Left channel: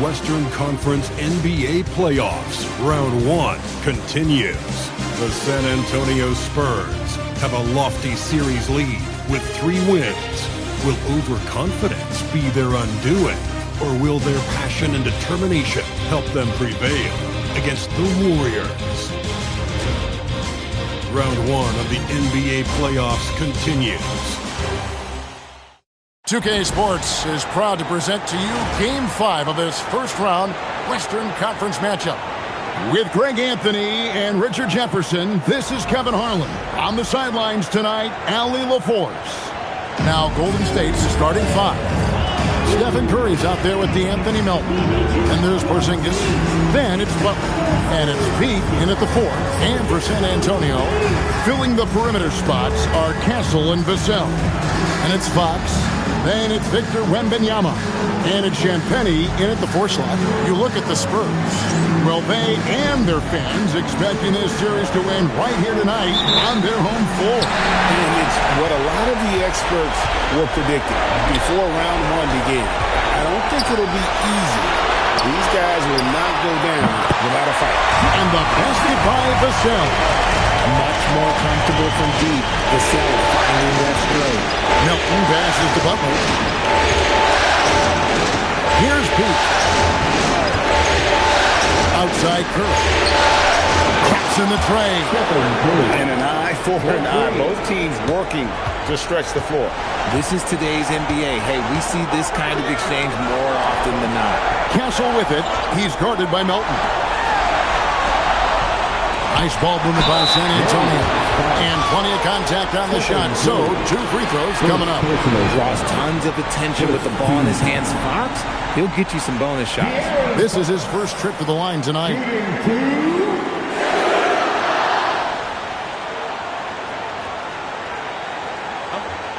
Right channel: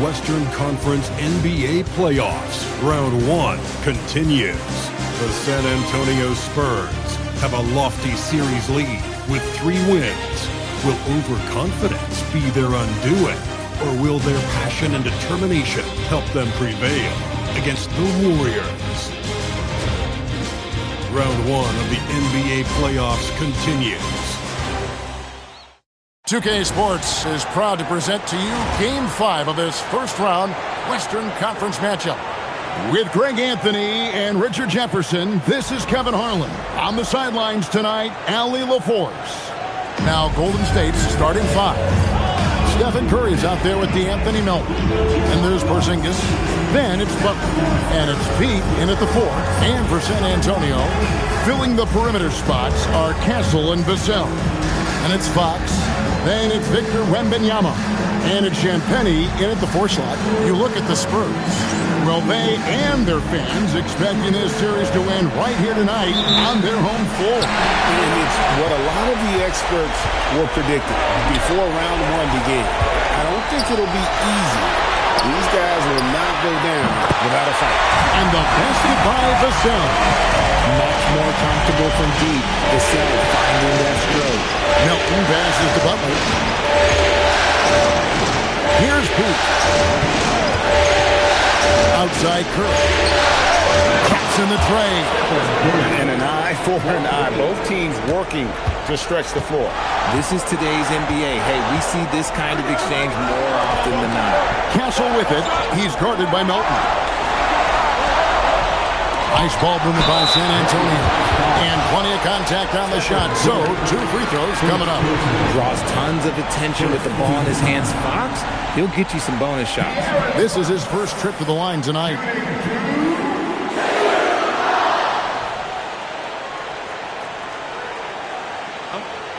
Western Conference NBA playoffs. Round 1 continues. The San Antonio Spurs have a lofty series lead with 3 wins. Will overconfidence be their undoing? Or will their passion and determination help them prevail against the Warriors? Round 1 of the NBA playoffs continues. 2K Sports is proud to present to you Game 5 of this first-round Western Conference matchup. With Greg Anthony and Richard Jefferson, this is Kevin Harlan. On the sidelines tonight, Allie LaForce. Now Golden State's starting 5. Stephen Curry's out there with DeAnthony Melton. And there's Porzingis. Then it's Butler. And it's Pete in at the 4. And for San Antonio, filling the perimeter spots are Castle and Vassell. And it's Fox. Then it's Victor Wembanyama. And it's Champagnie in at the 4 slot. You look at the Spurs. Well, they and their fans expecting this series to win right here tonight on their home floor. And it's what a lot of the experts were predicting before round 1 began. I don't think it'll be easy. These guys will not go down without a fight. And the basket by Vassell. Much more comfortable from deep. Vassell finding that stroke. Melton passes to Butler. Here's Pete. Outside Curry. Cracks in the tray. And an eye for an eye. Both teams working to stretch the floor. This is today's NBA. Hey, we see this kind of exchange more often than not. Castle with it. He's guarded by Melton. Nice ball movement by San Antonio. And plenty of contact on the shot. So, 2 free throws coming up. Draws tons of attention with the ball in his hands. Fox, he'll get you some bonus shots. This is his first trip to the line tonight.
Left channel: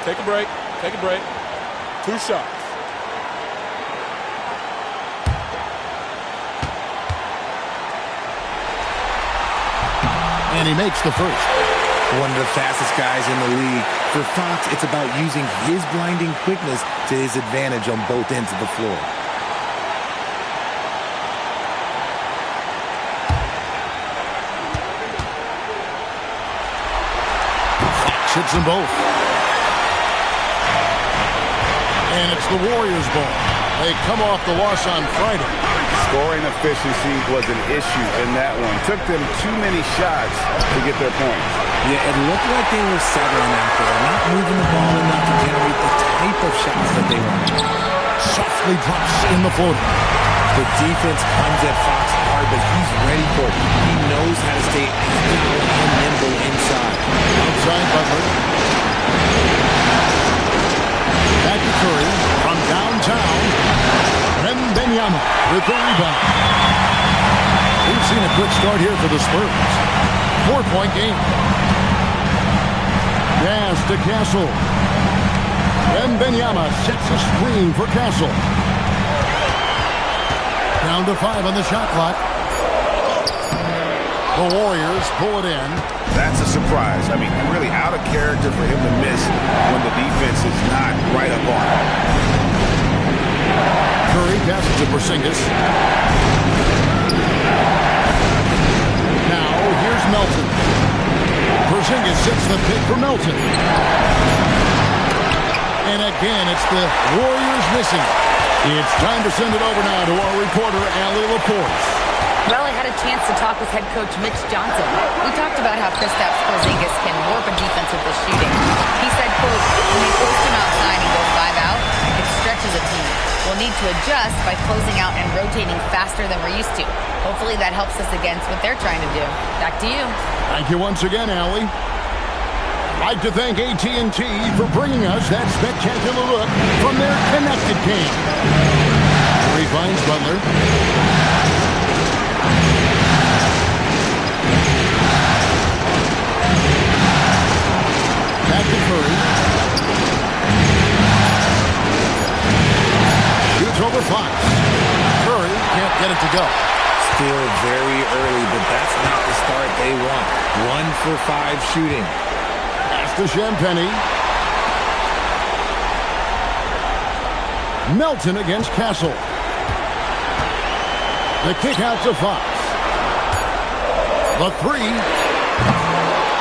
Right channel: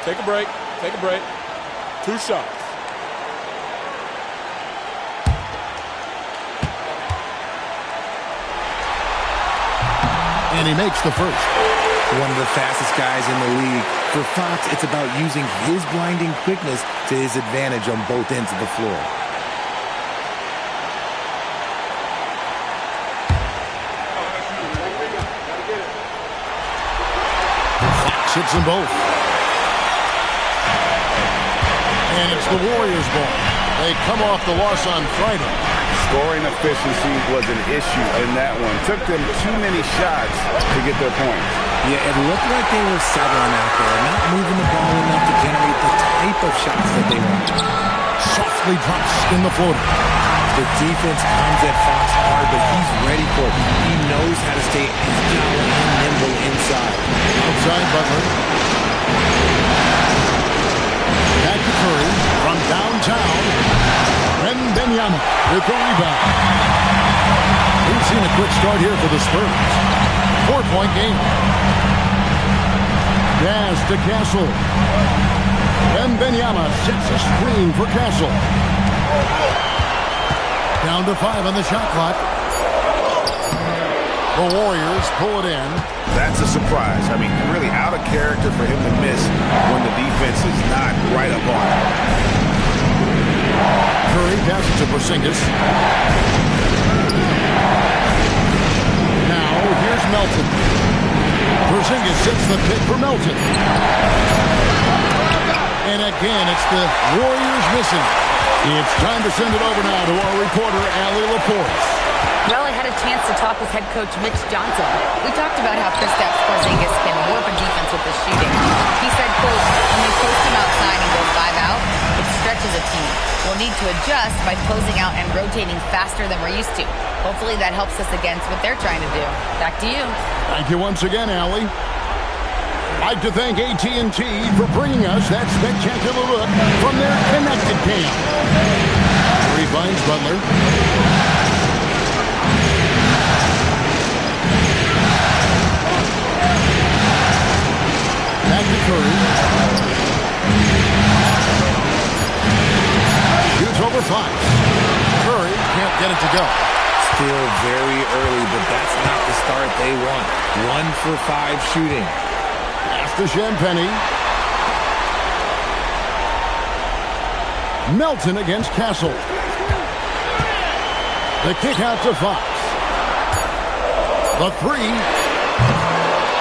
Take a break. Take a break. 2 shots. And he makes the first. One of the fastest guys in the league. For Fox, it's about using his blinding quickness to his advantage on both ends of the floor. Fox hits them both. And it's the Warriors' ball. They come off the loss on Friday. Scoring efficiency was an issue in that one. Took them too many shots to get their points. Yeah, it looked like they were settling out there, not moving the ball enough to generate the type of shots that they wanted. Softly drops in the floater. The defense comes at Fox hard, but he's ready for it. He knows how to stay agile and nimble inside. Outside Butler. Back to Curry from downtown. Wembanyama with the rebound. We've seen a quick start here for the Spurs. 4-point game. Pass to Castle. Wembanyama sets a screen for Castle. Down to 5 on the shot clock. The Warriors pull it in. That's a surprise. I mean, really out of character for him to miss when the defense is not right up on him. Curry passes to Porzingis. Now, here's Melton. Porzingis sets the pick for Melton. And again, it's the Warriors missing. It's time to send it over now to our reporter, Allie LaForce. Well, I had a chance to talk with head coach Mitch Johnson. We talked about how Kristaps Porzingis can warp a defense with his shooting. He said, quote, when they post him outside and go 5 out, it stretches a team. We'll need to adjust by closing out and rotating faster than we're used to. Hopefully that helps us against what they're trying to do. Back to you. Thank you once again, Allie. I'd like to thank AT&T for bringing us that spectacular look from their connected cam. Curry finds Butler. Back to Curry. Shoots over Fox. Curry can't get it to go. Still very early, but that's not the start they want. 1 for 5 shooting. Pass to Champagnie. Melton against Castle. The kick out to Fox. The three.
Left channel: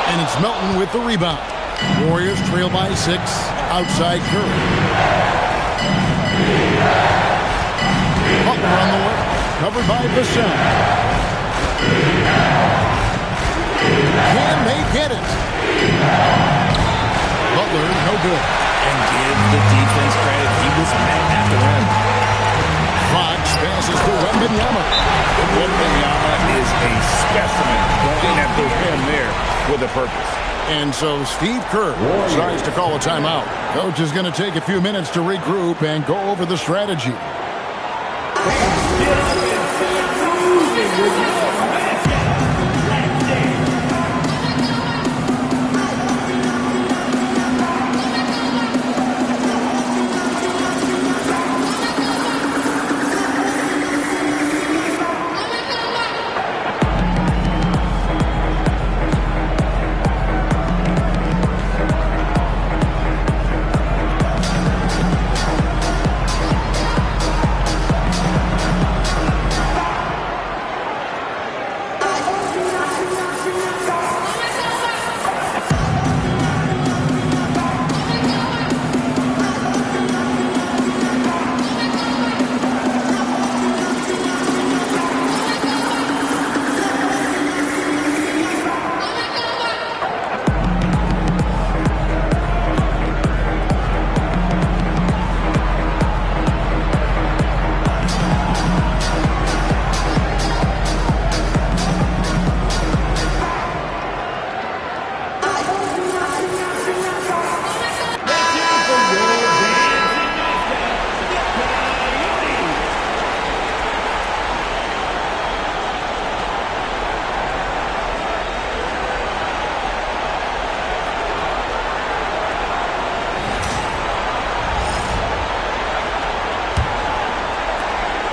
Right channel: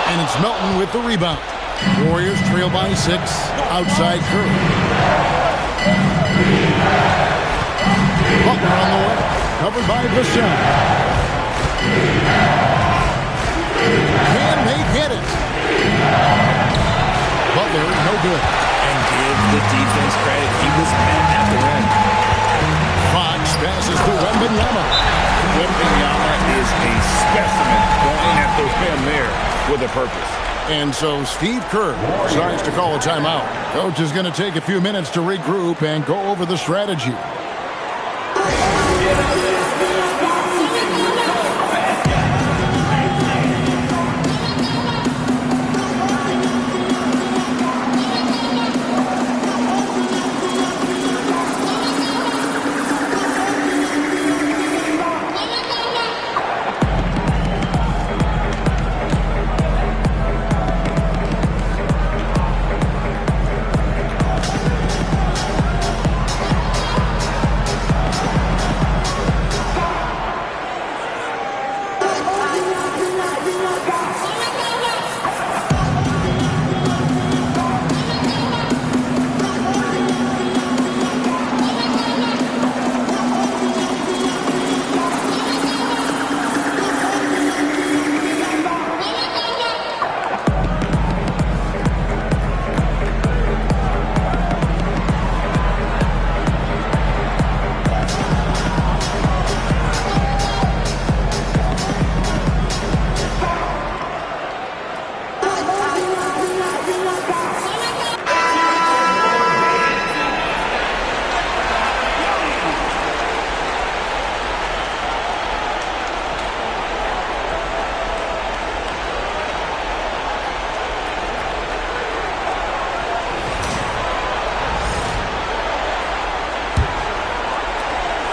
And it's Melton with the rebound. Warriors trail by 6. Outside Curry. Butler on the way. Covered by Vassell. Can they get it? Butler, no good. And give the defense credit. He was met at the rim. Fox passes to Wembanyama. Wembanyama is a specimen going at the rim there with a purpose. And so Steve Kerr decides to call a timeout. Coach is going to take a few minutes to regroup and go over the strategy.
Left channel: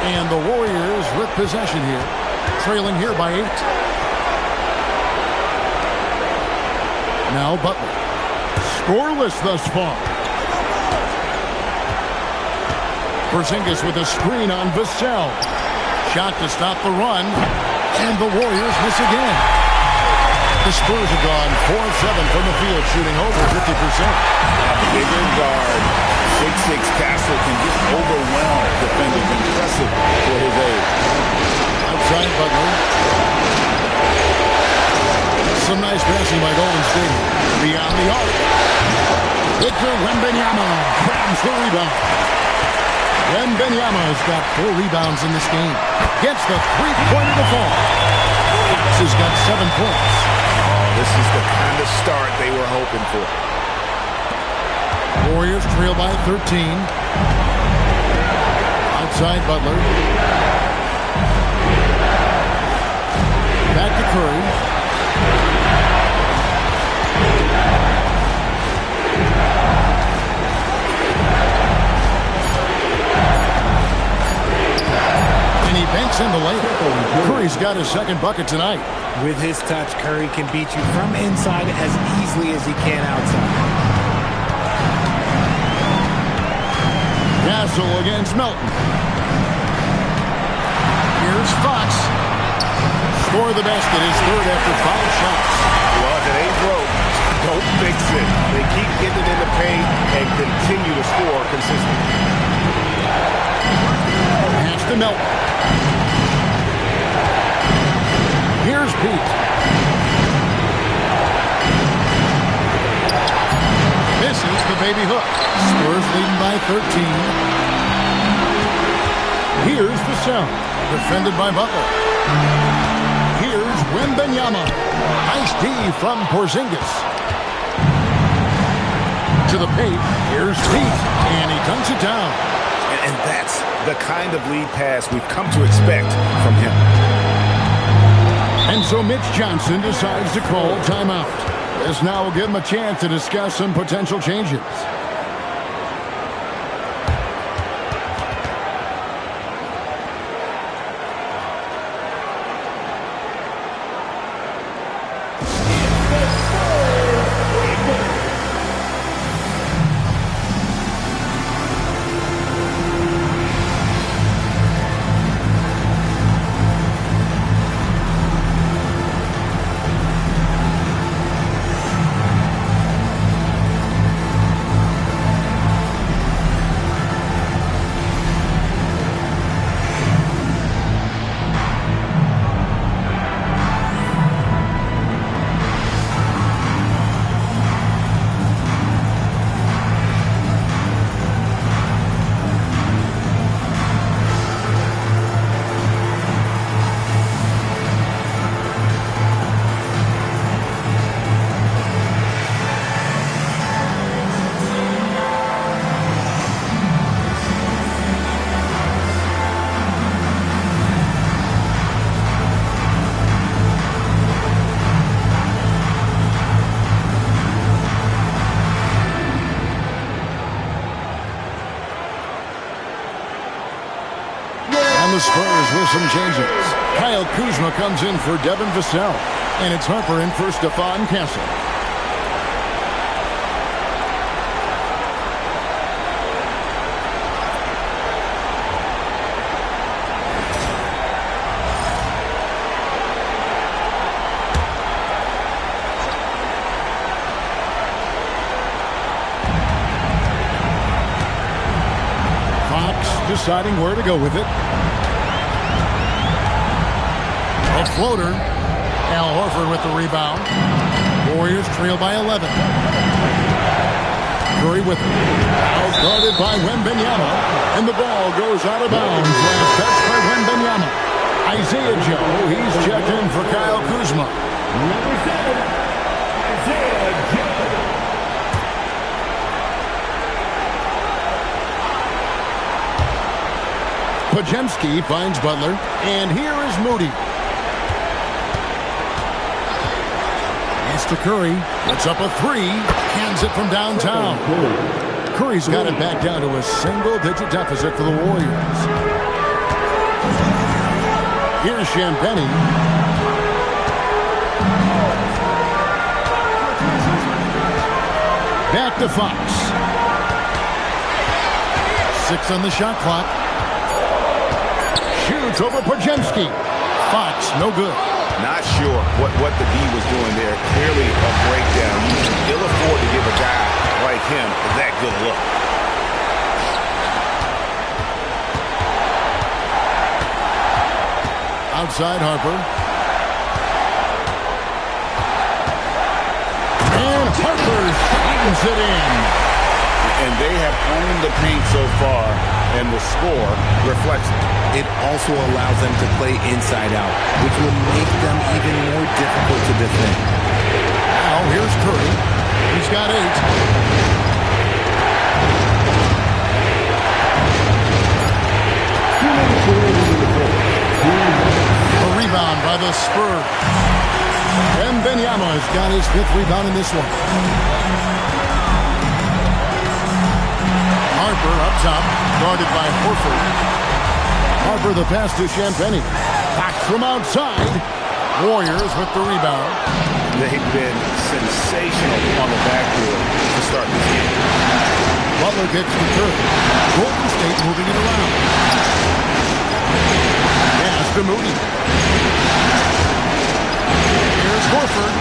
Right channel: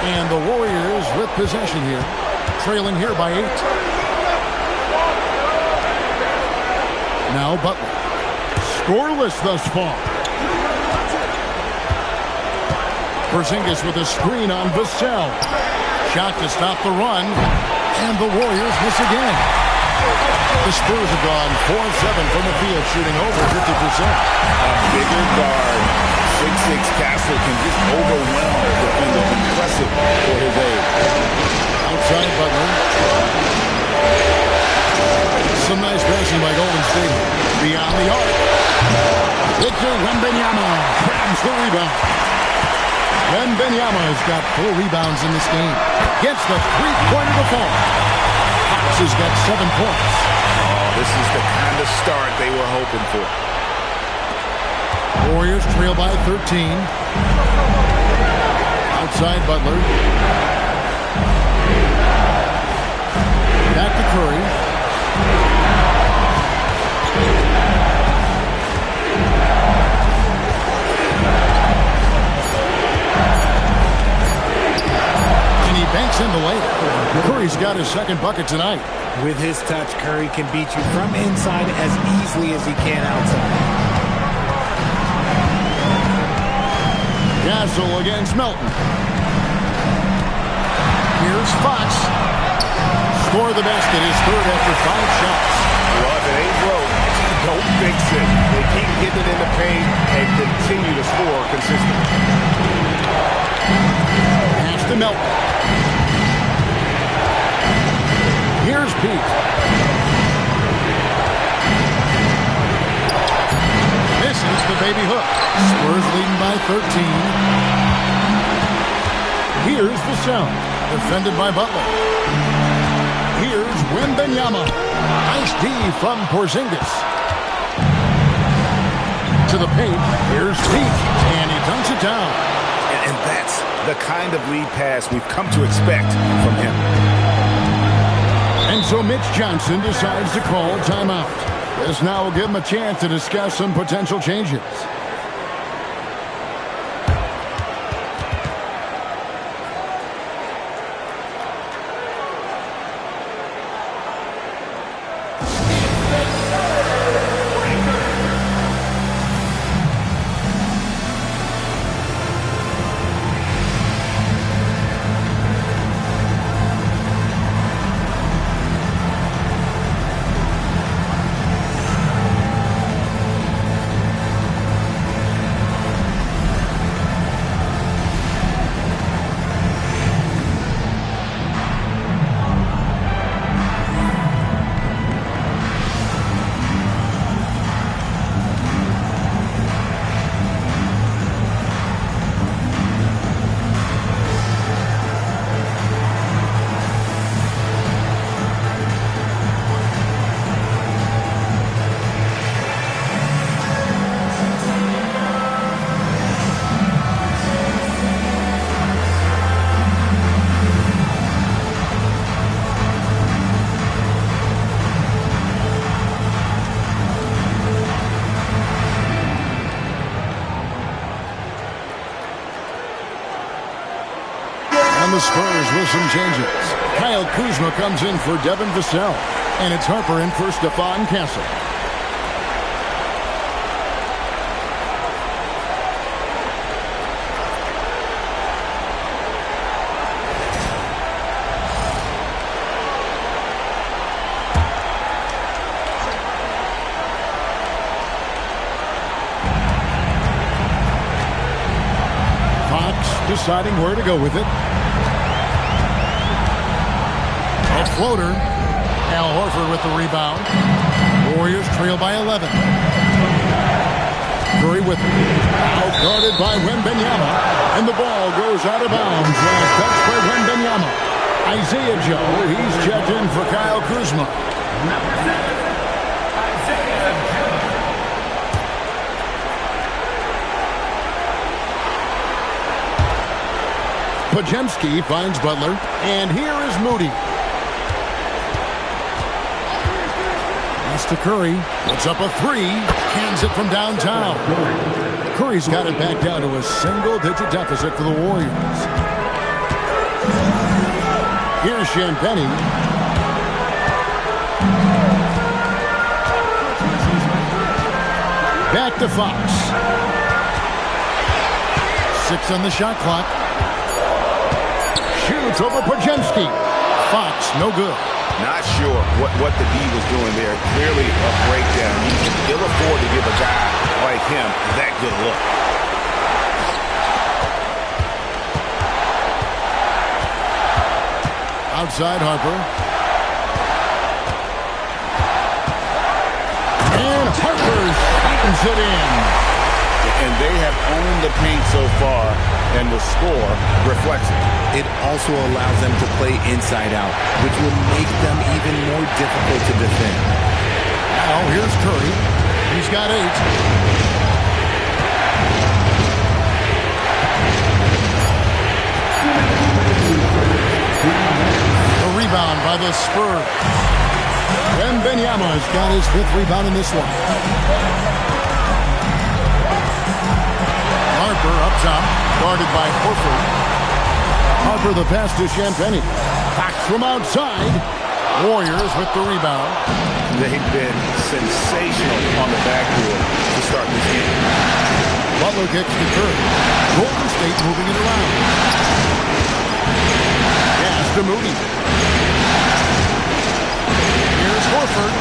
And the Warriors with possession here, trailing here by 8. Now Butler. Scoreless thus far. Porzingis with a screen on Vassell. Shot to stop the run. And the Warriors miss again. The Spurs have gone 4 of 7 from the field, shooting over 50%. A bigger guard, 6'6" Castle, can just overwhelm defenders. Impressive for his age. Outside Butler. Some nice passing by Golden State. Beyond the arc. Victor Wembanyama grabs the rebound. Wembanyama has got 4 rebounds in this game. Gets the three-pointer to fall. Fox has got 7 points. Oh, this is the kind of start they were hoping for. Warriors trail by 13. Outside Butler. Back to Curry. And he banks in the layup. Curry's got his second bucket tonight. With his touch, Curry can beat you from inside as easily as he can outside. Castle against Melton. Here's Fox. Score the basket, his third after 5 shots. Well, if it ain't broke, don't fix it. They keep getting it in the paint and continue to score consistently. Pass to Melton. Here's Pete. Misses the baby hook. Spurs leading by 13. Here's Vassell. Defended by Butler. Here's Wembanyama. Nice D from Porzingis. To the paint. Here's Pete. And he dunks it down. And that's the kind of lead pass we've come to expect from him. And so Mitch Johnson decides to call timeout. This now will give him a chance to discuss some potential changes. the Spurs with some changes. Kyle Kuzma comes in for Devin Vassell. And it's Harper in for Stephon Castle. Fox deciding where to go with it. A floater. Al Horford with the rebound. Warriors trail by 11. Curry with it. Out guarded by Wembanyama. And the ball goes out of bounds. Last touch by Wembanyama. Isaiah Joe, he's checked in for Kyle Kuzma. Number 7, Isaiah Joe. Podziemski finds Butler. And here is Moody. To Curry, puts up a three, cans it from downtown. Curry's got it back down to a single-digit deficit for the Warriors. Here's Champagnie. Back to Fox. 6 on the shot clock. Shoots over Podziemski. Fox, no good. Not sure what the D was doing there. Clearly a breakdown. You can ill afford to give a guy like him that good look. Outside Harper. And Harper slams it in. And they have owned the paint so far, and the score reflects it. It also allows them to play inside out, which will make them even more difficult to defend. Now here's Curry. He's got 8. A rebound by the Spurs. And Wembanyama's got his 5th rebound in this one. Harper up top, guarded by Horford. Harper the pass to Champagnie. Fox from outside. Warriors with the rebound. They've been sensational on the backboard to start this game. Butler kicks to Curry. Golden State moving it around. Pass to Moody. Here's Horford.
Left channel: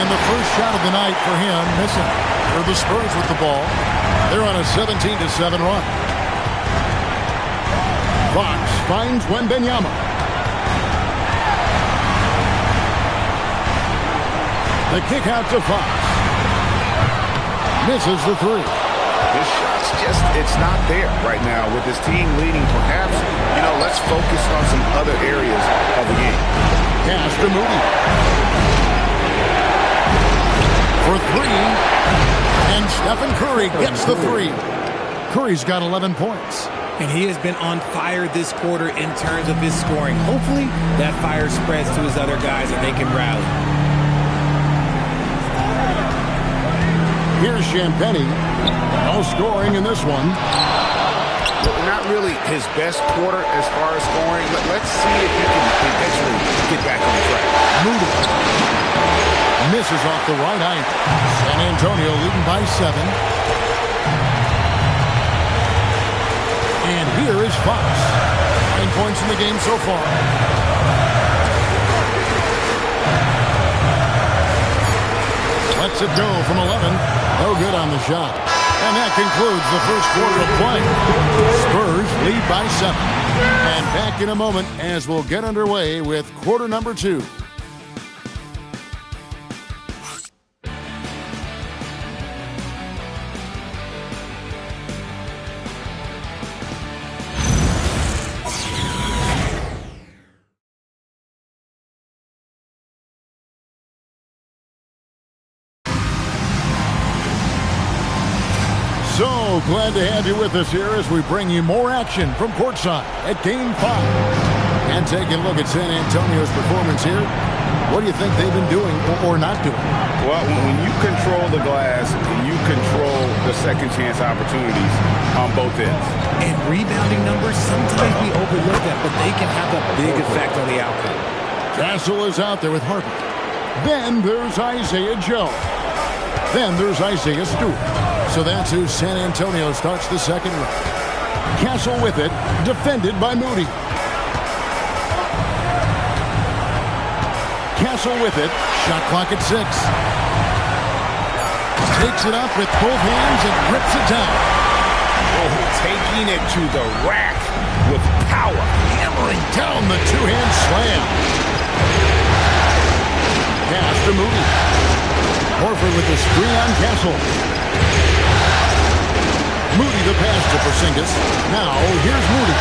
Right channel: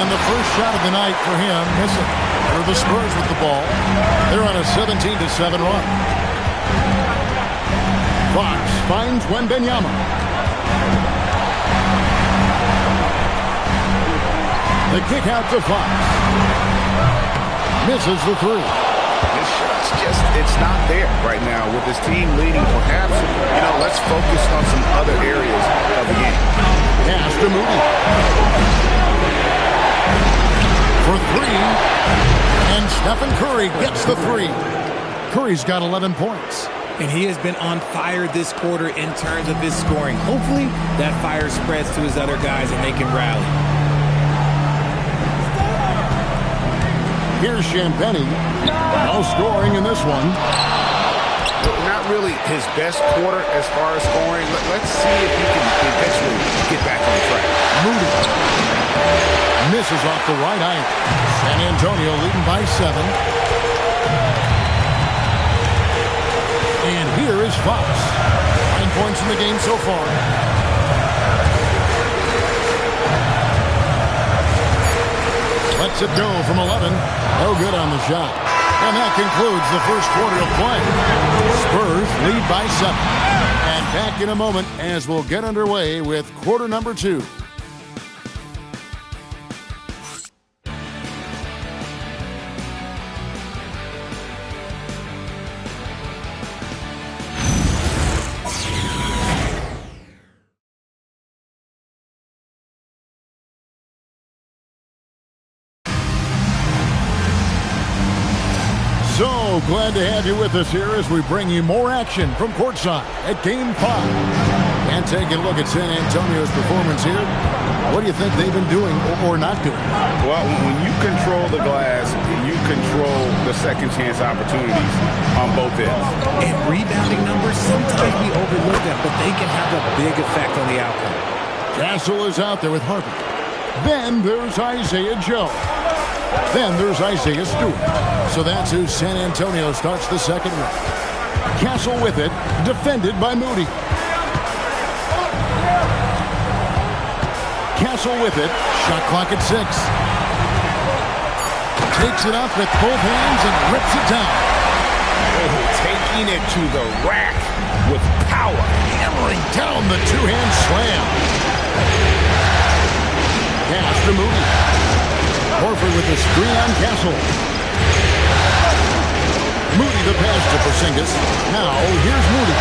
And the first shot of the night for him missing. They're the Spurs with the ball. They're on a 17-7 run. Fox finds Wembanyama. The kick out to Fox. Misses the 3. His shot's just, it's not there right now with his team leading. Perhaps, let's focus on some other areas of the game. Pass to Moody. For 3. And Stephen Curry gets the 3. Curry's got 11 points. And he has been on fire this quarter in terms of his scoring. Hopefully that fire spreads to his other guys and they can rally. Here's Champagnie. No scoring in this one. Not really his best quarter as far as scoring. Let's see if he can eventually get back on track. Moody misses off the right iron. San Antonio leading by 7. And here is Fox. 9 points in the game so far. Lets it go from 11. No good on the shot. And that concludes the first quarter of play. Spurs lead by 7. And back in a moment as we'll get underway with quarter number 2. So glad to have you with us here as we bring you more action from courtside at Game 5. And taking a look at San Antonio's performance here. What do you think they've been doing or not doing? Well, when you control the glass, you control the second chance opportunities on both ends. And rebounding numbers, sometimes we overlook them, but they can have a big effect on the outcome. Castle is out there with Harper. Then there's Isaiah Joe. Then there's Isaiah Stewart. So that's who San Antonio starts the second round. Castle with it, defended by Moody. Castle with it, shot clock at 6. Takes it up with both hands and rips it down. Oh, taking it to the rack with power. Hammering down the two-hand slam. Pass to Moody. Horford with the screen on Castle. Moody the pass to Porzingis. Now here's Moody.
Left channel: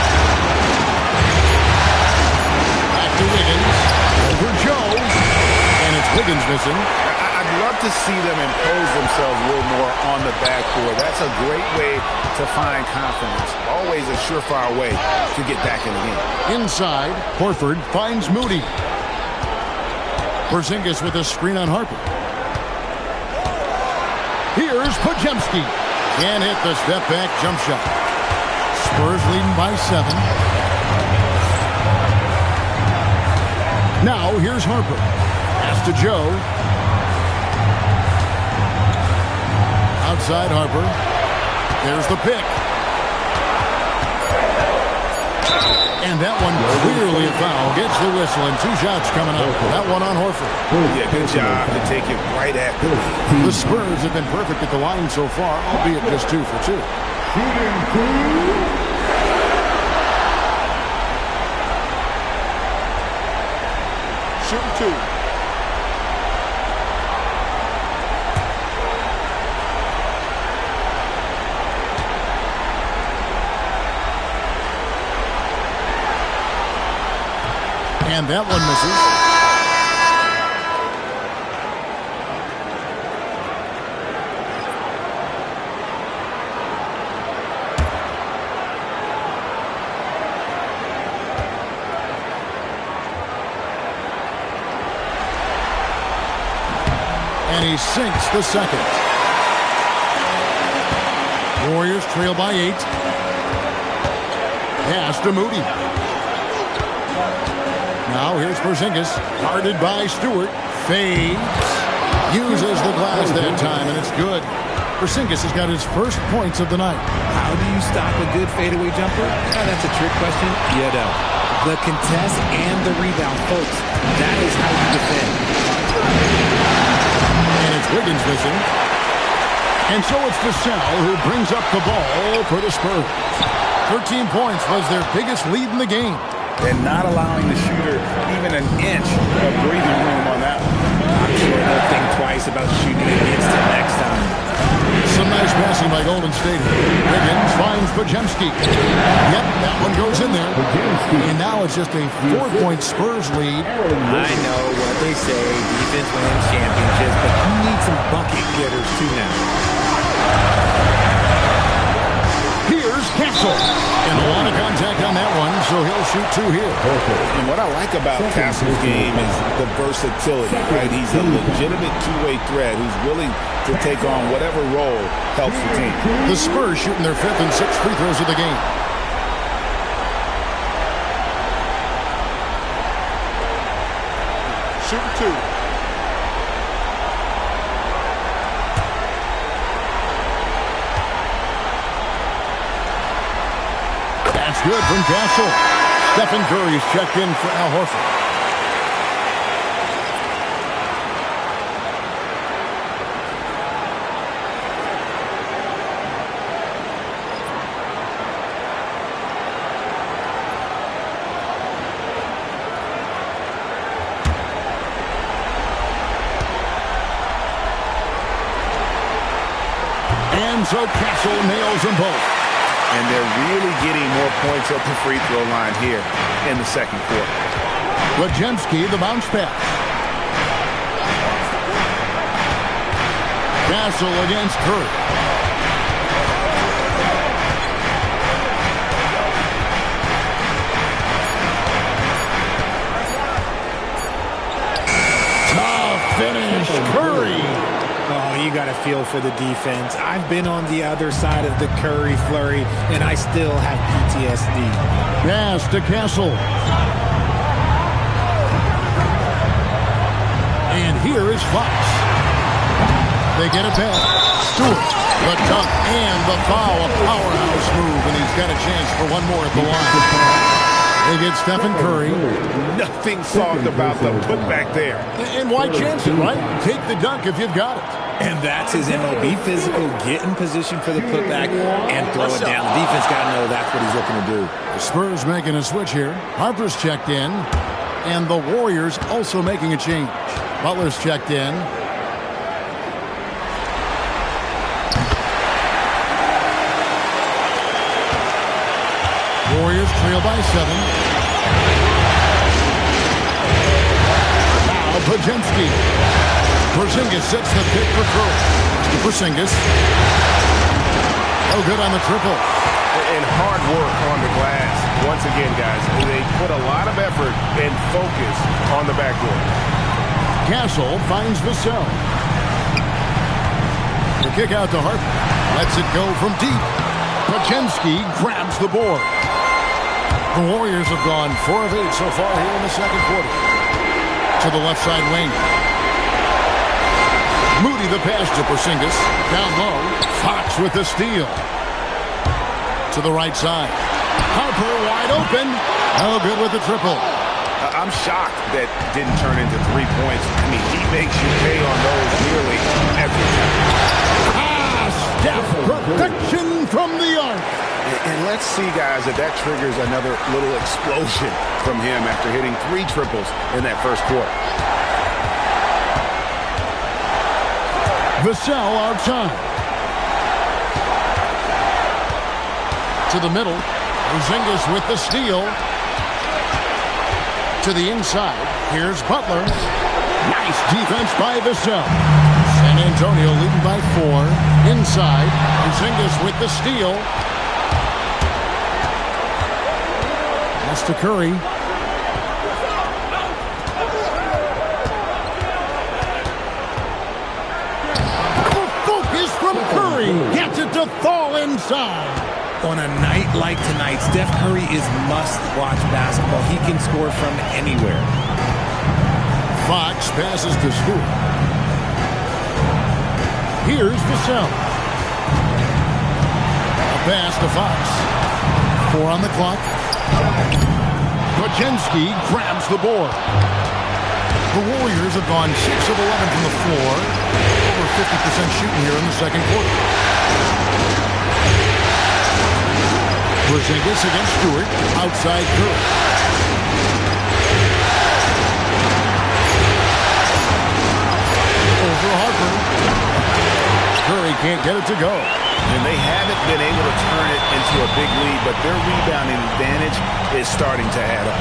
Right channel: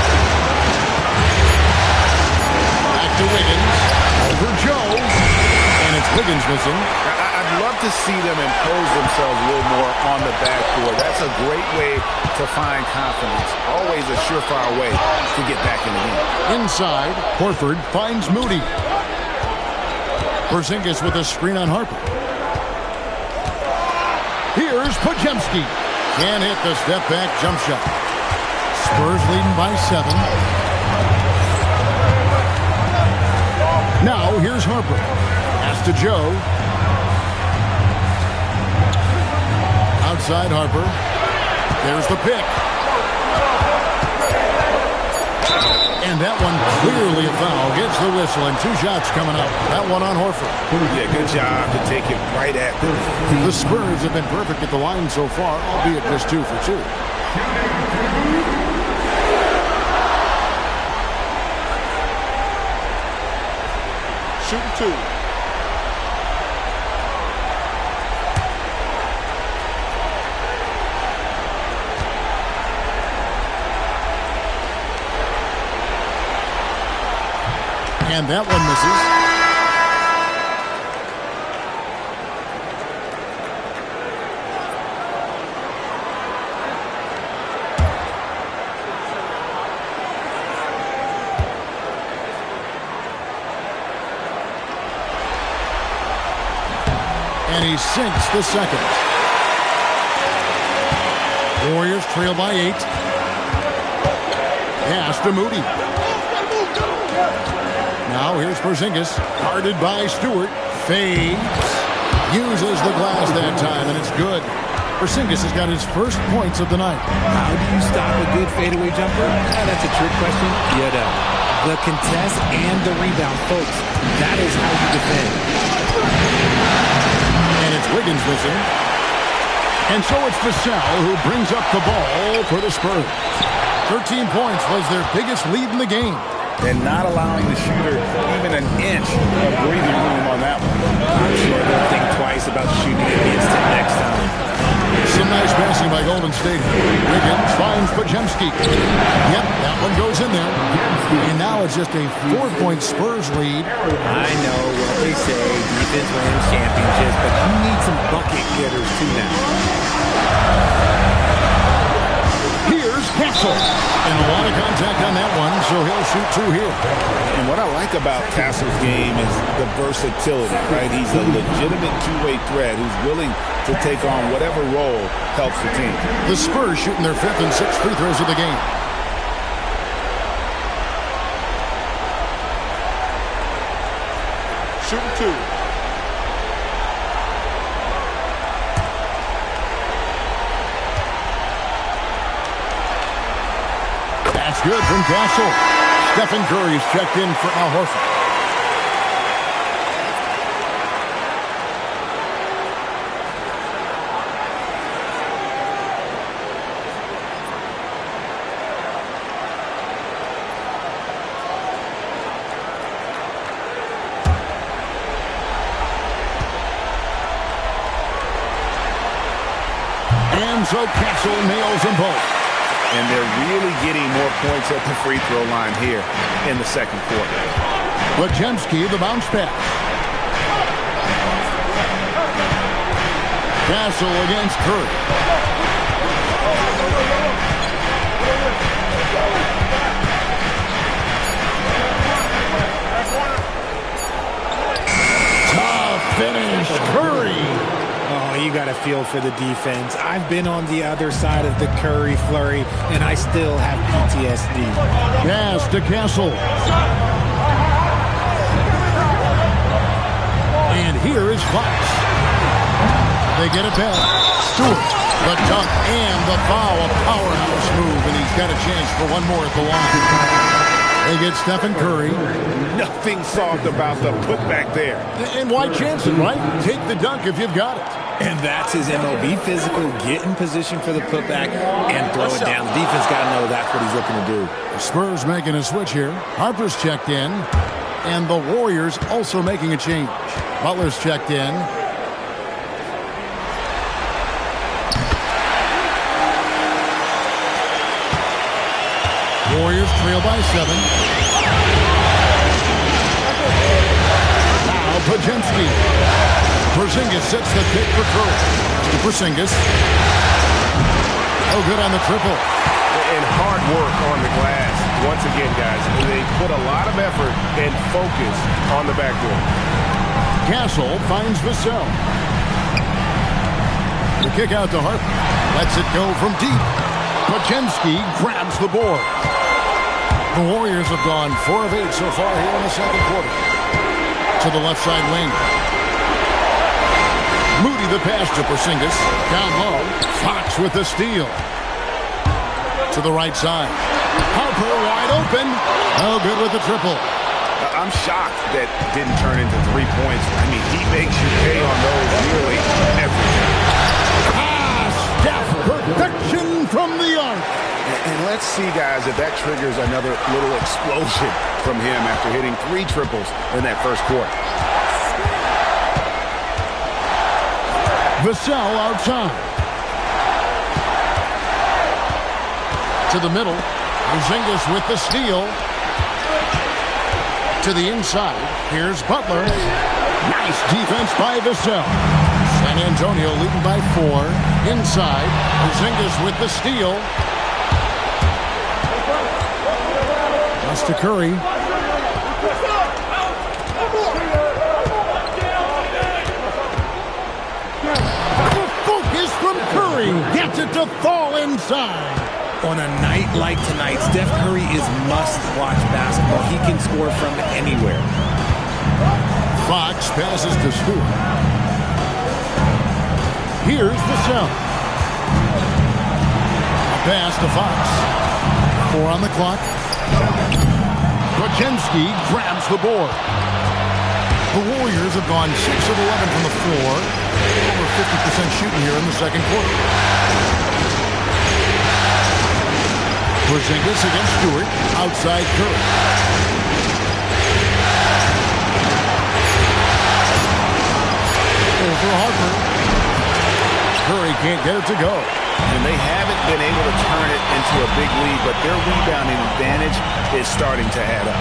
Back to Wiggins. Over Joe. And it's Wiggins missing. I'd love to see them impose themselves a little more on the backboard. That's a great way to find confidence. Always a surefire way to get back in the game. Inside, Horford finds Moody. Porzingis with a screen on Harper. Here's Podziemski. Can't hit the step-back jump shot. Spurs leading by 7. Now here's Harper. Pass to Joe. Outside Harper. There's the pick. And that one clearly a foul. Gets the whistle and 2 shots coming up. That one on Horford. Yeah, good job to take it right at the lead. The Spurs have been perfect at the line so far, albeit just 2 for 2. Shooting 2. And that one misses. And he sinks the second. Warriors trail by 8. Pass to Moody. Now here's Porzingis, guarded by Stewart. Fades. Uses the glass that time, and it's good. Porzingis has got his first points of the night. How do you stop a good fadeaway jumper? That's a trick question. You don't. The contest and the rebound, folks. That is how you defend. And it's Wiggins missing. And so it's Vassell who brings up the ball for the Spurs. 13 points was their biggest lead in the game. And not allowing the shooter even an inch of breathing room on that one. I'm sure they'll think twice about shooting against him next time. Some nice passing by Golden State. Wiggins finds Podziemski. Yep, that one goes in there. And now it's just a 4-point Spurs lead. I know what they say, defense wins championships, but you need some bucket getters too now. Here's Castle. And a lot of contact on that one, so he'll shoot 2 here. And what I like about Castle's game is the versatility, right? He's a legitimate two-way threat who's willing to take on whatever role helps the team. The Spurs shooting their 5th and 6th free throws of the game. Shooting 2. That's good from Castle. Stephen Curry's checked in for Al Horford. And so Castle nails them both. And they're really getting more points at the free throw line here in the second quarter. Podziemski, the bounce pass. Castle against Curry. Curry. Oh, you got a feel for the defense. I've been on the other side of the Curry flurry, and I still have PTSD. Pass to Castle. And here is Fox. They get it back. Stewart, the dunk and the foul. A powerhouse move, and he's got a chance for one more at the line. They get Stephen Curry. Nothing soft about the putback there. And why chance it, right? Take the dunk if you've got it. And that's his MO. Be physical, get in position for the putback, and throw it down. The defense got to know that's what he's looking to do. The Spurs making a switch here. Harper's checked in. And the Warriors also making a change. Butler's checked in. Warriors trail by 7. Now Pajemski. Porzingis sets the pick for Curry. To Porzingis. Oh, good on the triple. And hard work on the glass. Once again, guys, they put a lot of effort and focus on the backboard. Castle finds Vassell. The kick out to Harper. Lets it go from deep. Pajemski grabs the board. The Warriors have gone 4 of 8 so far here in the second quarter. To the left side wing. Moody the pass to Porzingis. Down low. Fox with the steal. To the right side. Harper wide open. Oh, good with the triple. I'm shocked that didn't turn into 3 points. I mean, he makes you pay on those nearly every time. Steph, perfection from the arc. And let's see, guys, if that triggers another little explosion from him after hitting 3 triples in that first quarter. Vassell outside. To the middle. Porzingis with the steal. To the inside. Here's Butler. Nice defense by Vassell. San Antonio leading by 4. Inside. Porzingis with the steal. Pass to Curry. The focus from Curry. Gets it to fall inside. On a night like tonight, Steph Curry is must-watch basketball. He can score from anywhere. Fox passes to Stewart. Here's Vassell. A pass to Fox. 4 on the clock. Pajemski grabs the board. The Warriors have gone 6 of 11 from the floor. Over 50% shooting here in the second quarter. Porzingis against Stewart. Outside Curry. Over Harper. Curry can't get it to go. And they haven't been able to turn it into a big lead, but their rebounding advantage is starting to add up.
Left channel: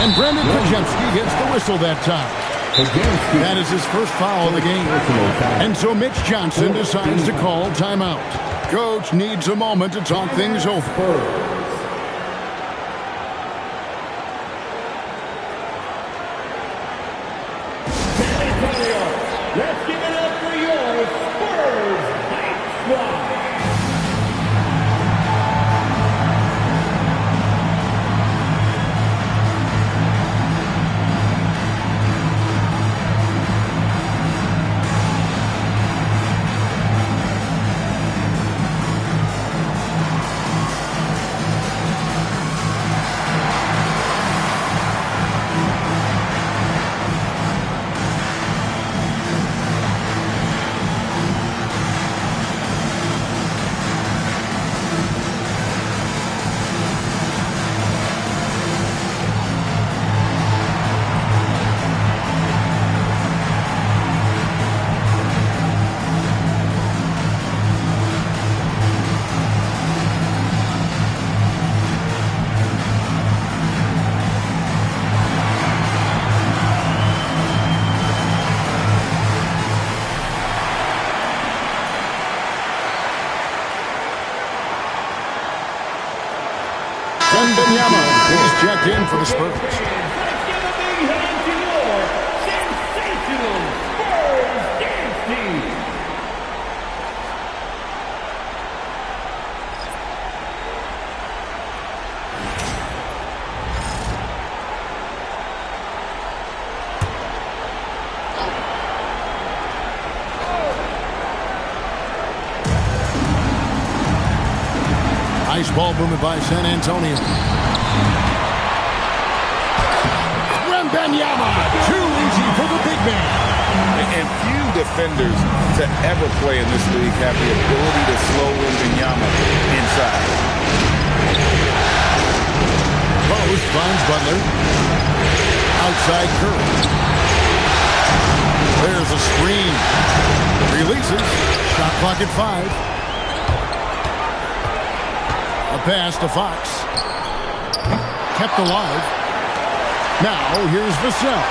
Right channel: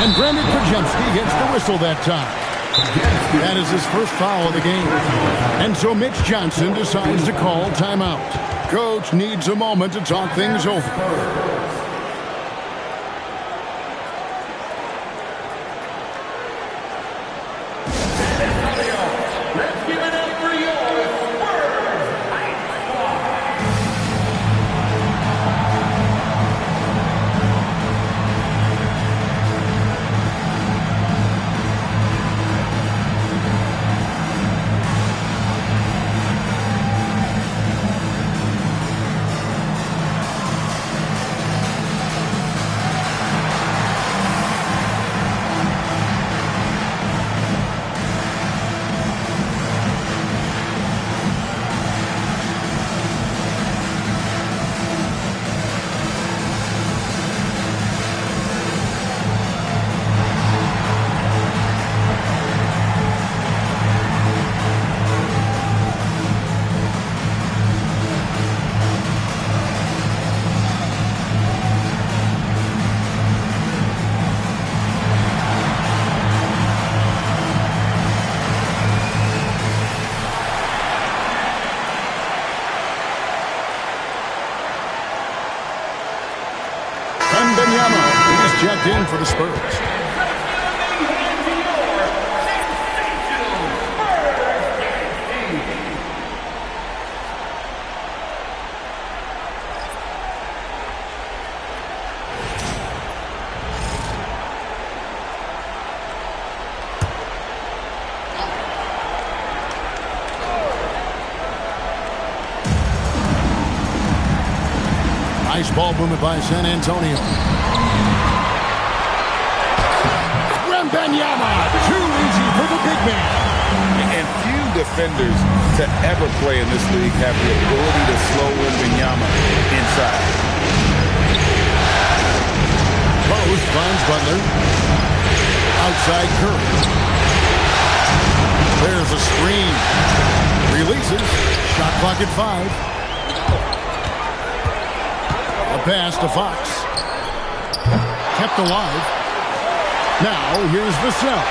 And Brandon Pajemski gets the whistle that time. That is his first foul of the game. And so Mitch Johnson decides to call timeout. Coach needs a moment to talk things over. Let's give it up for your Spurs Hype Squad. Benyama is checked in for the Spurs. Let's give a big hand to your Nice ball movement by San Antonio. Wembanyama, too easy for the big man. And few defenders to ever play in this league have the ability to slow Wembanyama inside. Post finds Butler. Outside Curry. There's a screen. Releases. Shot clock at 5. A pass to Fox. Kept alive. Now here's Vassell.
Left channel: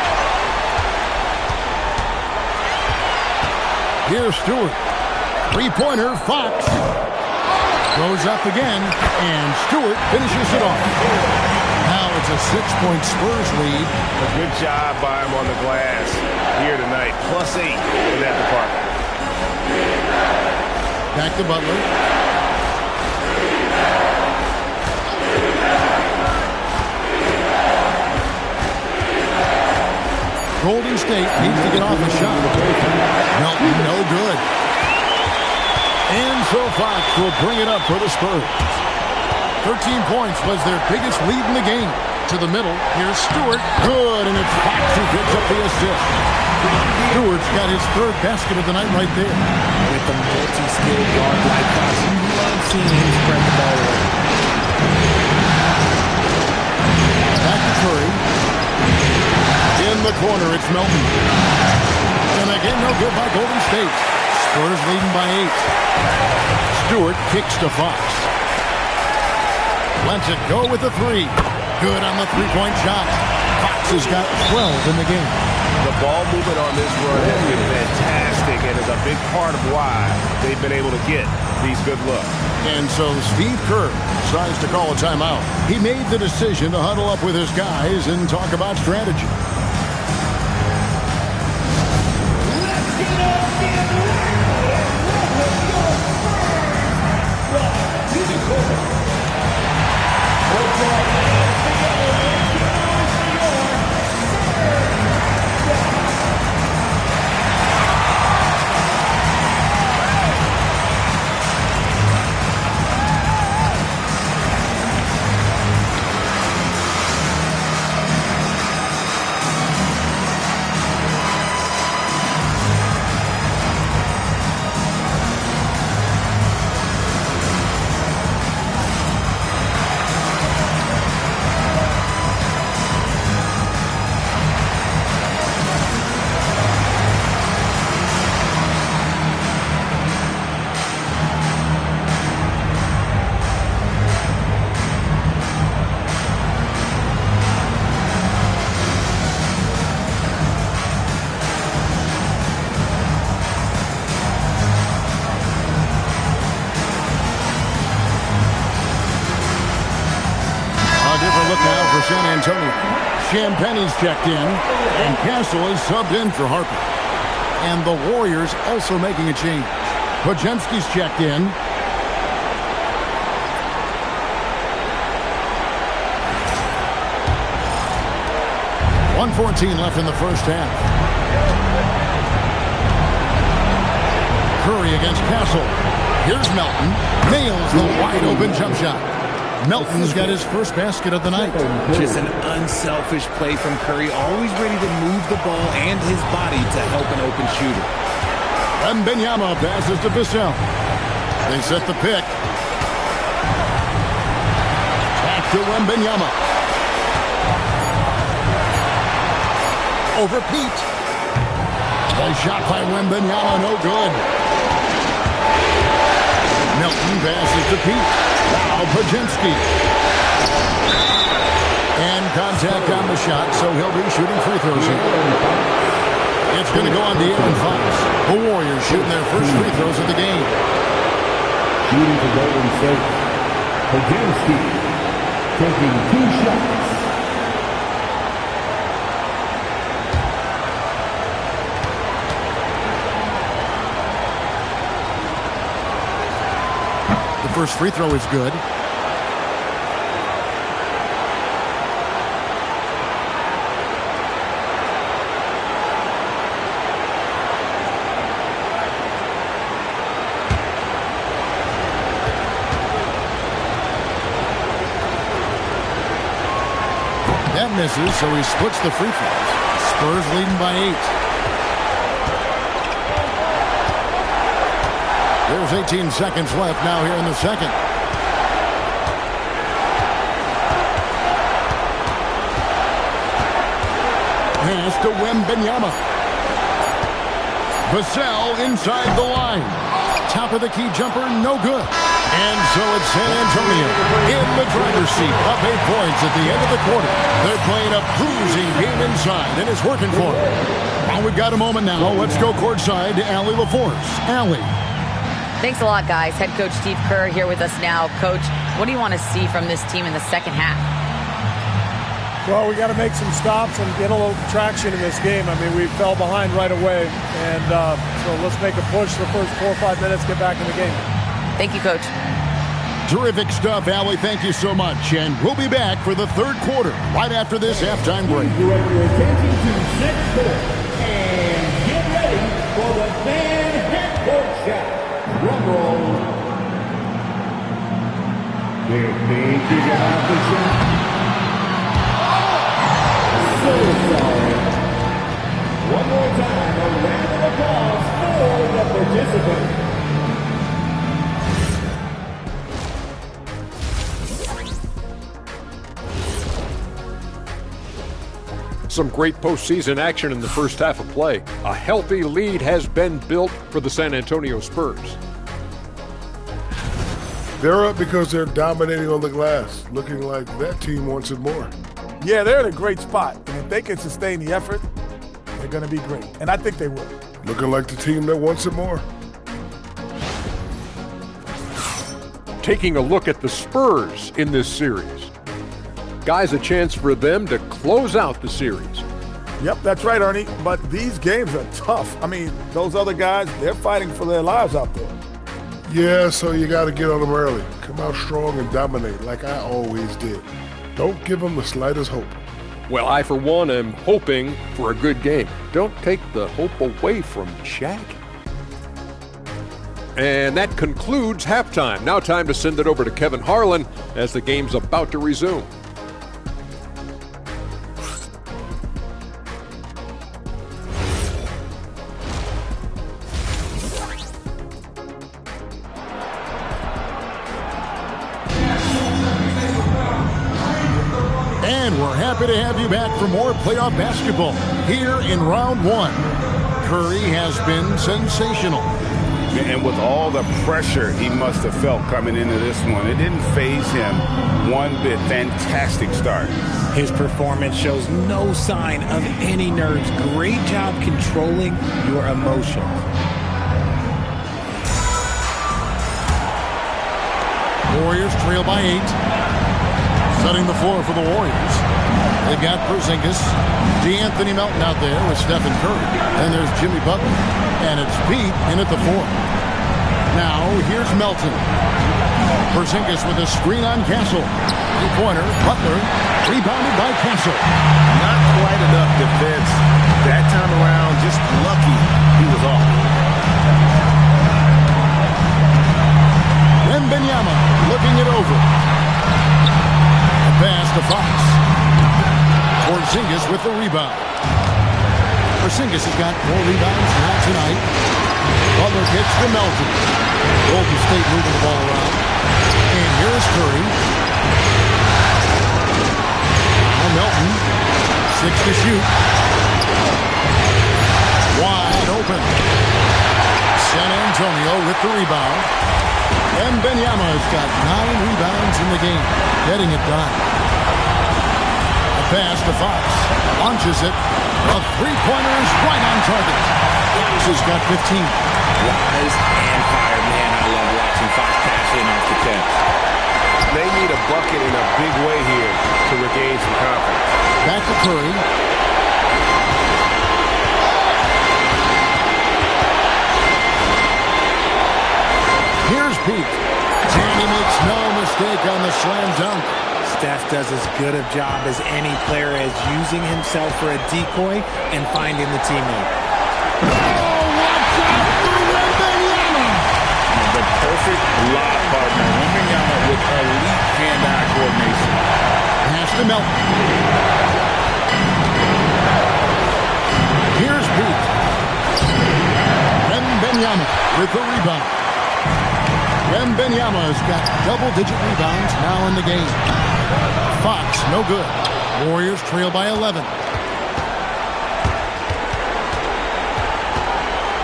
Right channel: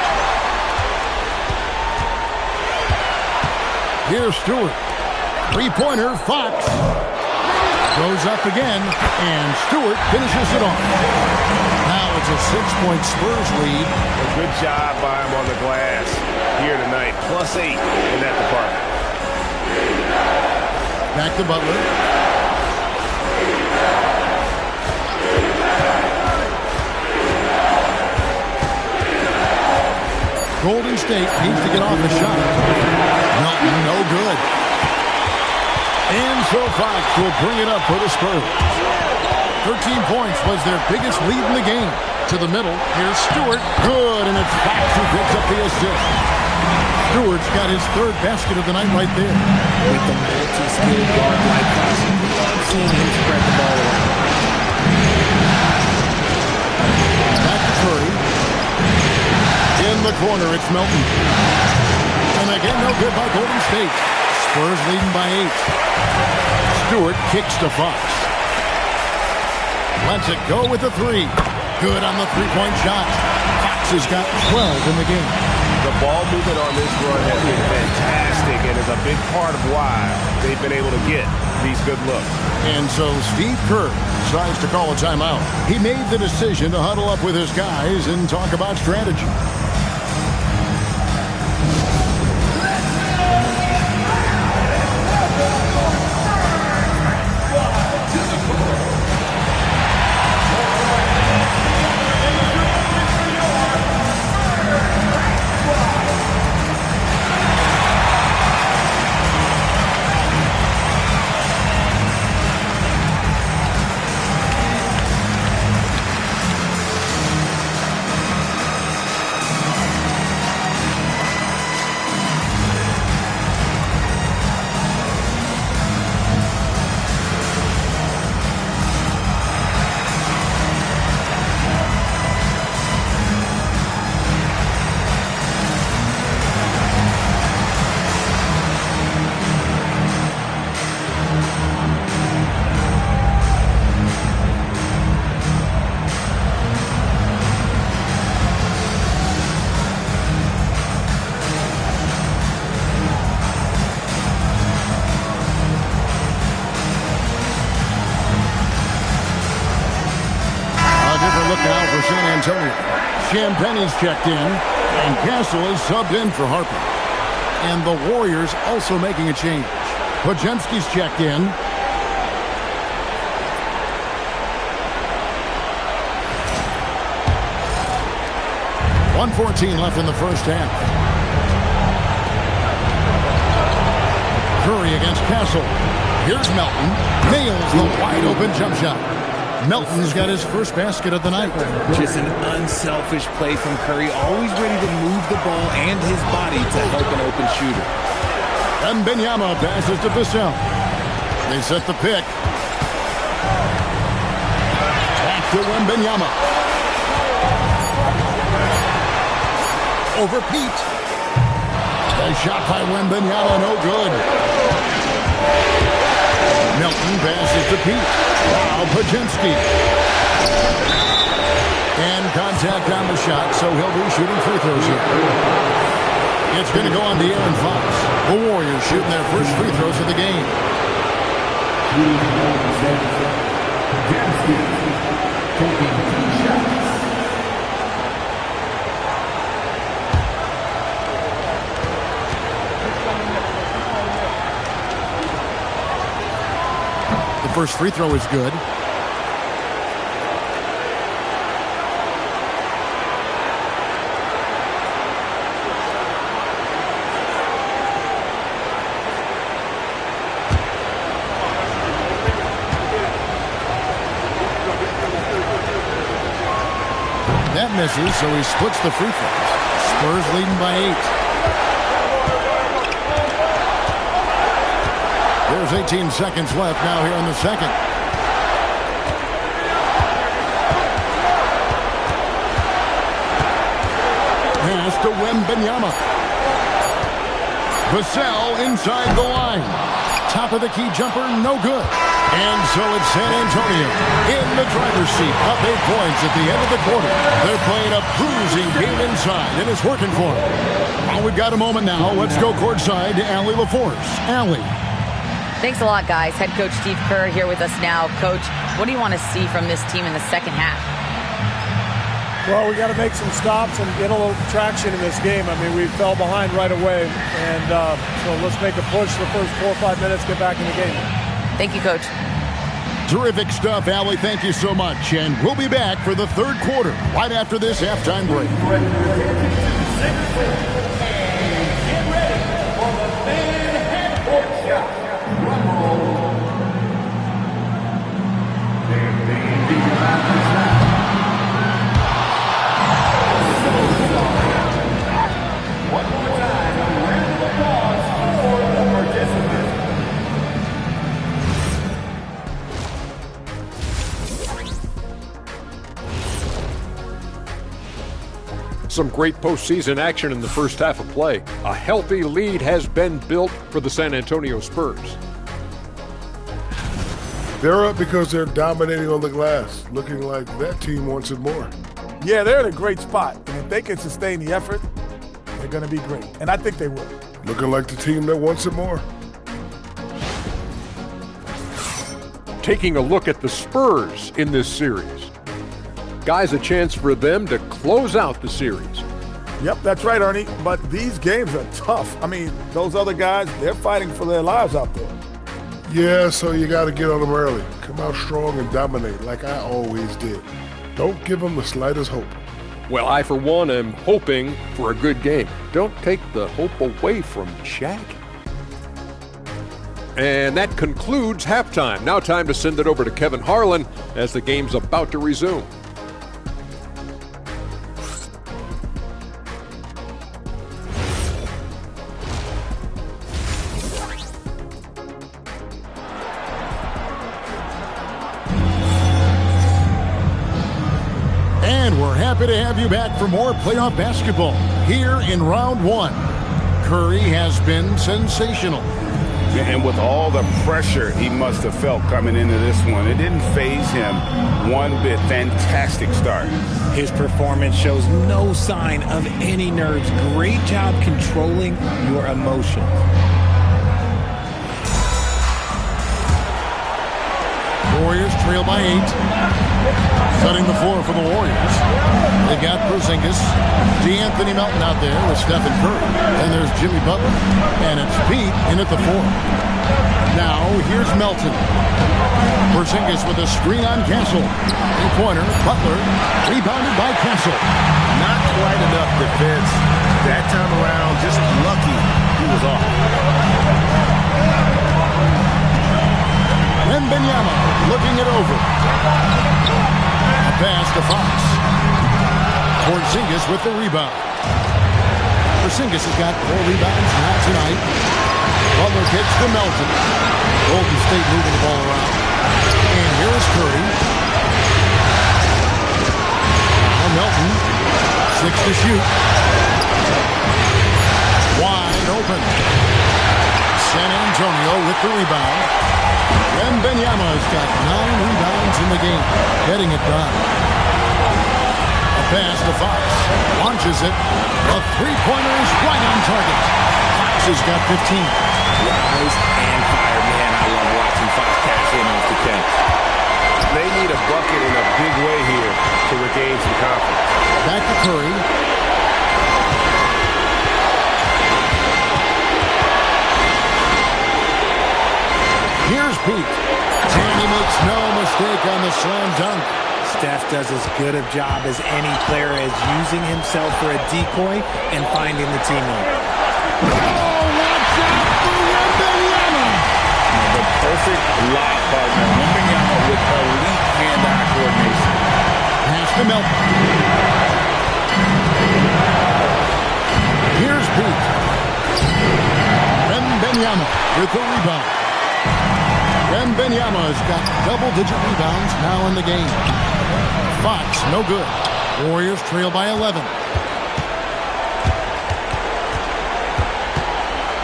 Here's Stewart. Three-pointer, Fox. Goes up again, and Stewart finishes it off. Now it's a 6-point Spurs lead. A good job by him on the glass here tonight. +8 in that department. Back to Butler. Golden State needs to get off a shot. Melton, no good. And so Fox will bring it up for the Spurs. 13 points was their biggest lead in the game. To the middle, here's Stewart. Good, and it's Fox who picks up the assist. Stewart's got his 3rd basket of the night right there. With the multi-skilled guard like Fox, you love seeing him spread the ball around. Back to Curry. In the corner, it's Melton. And again, no good by Golden State. Spurs leading by 8. Stewart kicks to Fox. Lets it go with the 3. Good on the 3-point shot. Fox has got 12 in the game. The ball movement on this run has been fantastic and is a big part of why they've been able to get these good looks. And so Steve Kerr decides to call a timeout. He made the decision to huddle up with his guys and talk about strategy. Different look now for San Antonio. Champagne's checked in, and Castle is subbed in for Harper. And the Warriors also making a change. Podziemski's checked in. .114 left in the first half. Curry against Castle. Here's Melton. Nails the wide-open jump shot. Melton's got his first basket of the night. Just an unselfish play from Curry, always ready to move the ball and his body to help an open shooter. Wembanyama passes to Vassell. They set the pick. Back to Wembanyama. Over Pete. A shot by Wembanyama, no good. Melton passes to Pete. Now Podziemski. And contact on the shot, so he'll be shooting free throws here. It's going to go on to Aaron Fox. The Warriors shooting their first free throws of the game. Shooting the Golden State. Podziemski taking 2 shots. The first free throw is good. That misses, so he splits the free throws. Spurs leading by 8. There's 18 seconds left now here in the second. Pass to Wembanyama. Vassell inside the line. Top of the key jumper, no good. And so it's San Antonio in the driver's seat, up 8 points at the end of the quarter. They're playing a bruising game inside, and it's working for them. Well, we've got a moment now. Let's go courtside to Allie LaForce. Allie. Thanks a lot, guys. Head coach Steve Kerr here with us now. Coach, what do you want to see from this team in the second half? Well, we got to make some stops and get a little traction in this game. I mean, we fell behind right away, and so let's make a push the first 4 or 5 minutes, get back in the game. Thank you, Coach. Terrific stuff, Allie. Thank you so much. And we'll be back for the third quarter right after this halftime break. And get ready for the fan head court shot. Rumble. They're thinking about the shot. So sorry. One more time, a round of applause for the participants. Some great postseason action in the first half of play. A healthy lead has been built for the San Antonio Spurs. They're up because they're dominating on the glass, looking like that team wants it more. Yeah, they're in a great spot, and if they can sustain the effort, they're going to be great, and I think they will. Looking like the team that wants it more. Taking a look at the Spurs in this series. Guys, a chance for them to close out the series. Yep, that's right, Ernie. But these games are tough. I mean, those other guys, they're fighting for their lives out there. Yeah, so you got to get on them early. Come out strong and dominate like I always did. Don't give them the slightest hope. Well, I, for one, am hoping for a good game. Don't take the hope away from Shaq. And that concludes halftime. Now time to send it over to Kevin Harlan as the game's about to resume. And we're happy to have you back for more playoff basketball here in round 1. Curry has been sensational. And with all the pressure he must have felt coming into this one, it didn't faze him one bit. Fantastic start. His performance shows no sign of any nerves. Great job controlling your emotions. Warriors trail by 8. Setting the floor for the Warriors. They've got Porzingis, DeAnthony Melton out there with Stephen Curry. And there's Jimmy Butler. And it's Pete in at the 4. Now, here's Melton. Porzingis with a screen on Castle. Three-pointer, Butler, rebounded by Castle. Not quite enough defense. That time around, just lucky he was off. Wembanyama looking it over. A pass to Fox. Porzingis with the rebound. Porzingis has got 4 rebounds now tonight. Butler kicks to Melton. Golden State moving the ball around. And here's Curry. Now Melton. 6 to shoot. Wide open. San Antonio with the rebound. Wembanyama's got 9 rebounds in the game, getting it done. A pass to Fox, launches it. The three-pointer is right on target. Fox has got 15. Rise and fire. Man, I love watching Fox cash in off the catch. They need a bucket in a big way here to regain some confidence. Back to Curry. Here's Pete. And he makes no mistake on the slam dunk. Steph does as good a job as any player as using himself for a decoy and finding the teammate. Oh, watch out for Wembanyama! The perfect lob partner. Wembanyama with elite hand-eye coordination. Pass to Melton. Pete. Wembanyama with the rebound. Wembanyama has got double-digit rebounds now in the game. Fox, no good. Warriors trail by 11.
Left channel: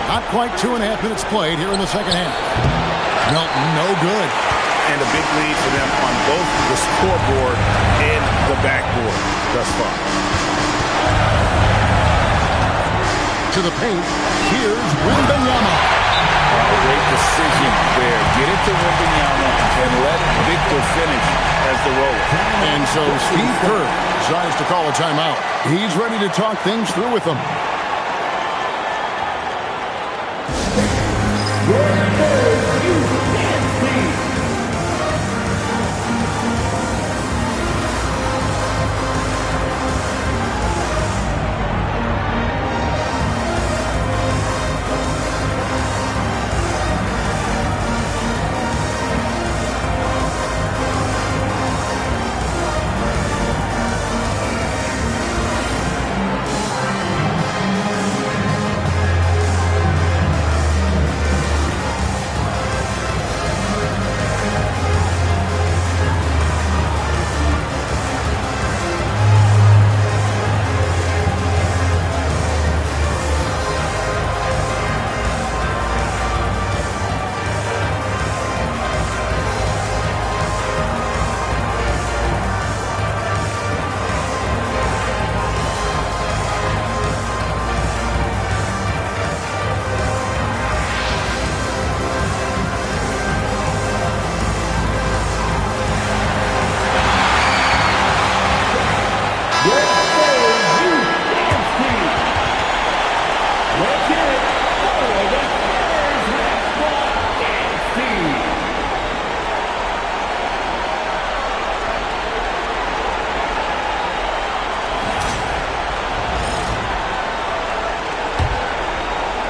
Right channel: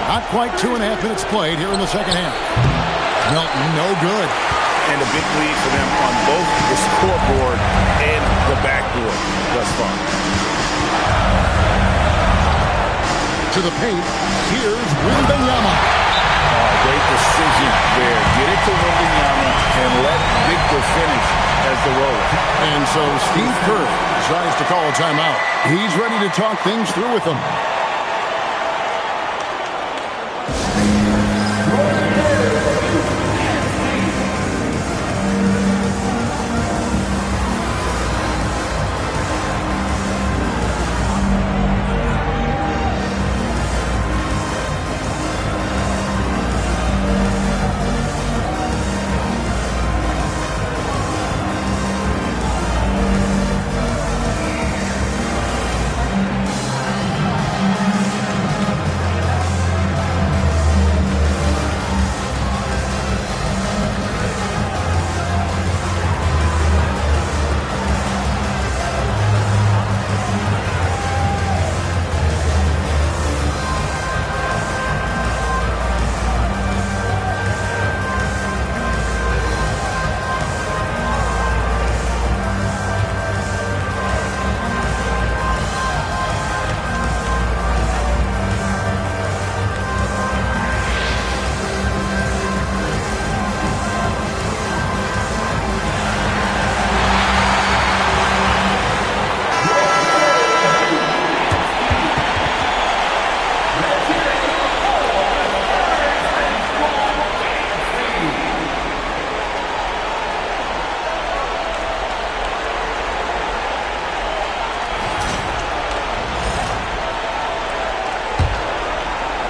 Not quite 2.5 minutes played here in the second half. Melton, no good. And a big lead for them on both the scoreboard and the backboard thus far. To the paint, here's Wembanyama. Oh, great decision there. Get it to Wembanyama and let Victor finish as the roller. And so Steve Kerr decides to call a timeout. He's ready to talk things through with them.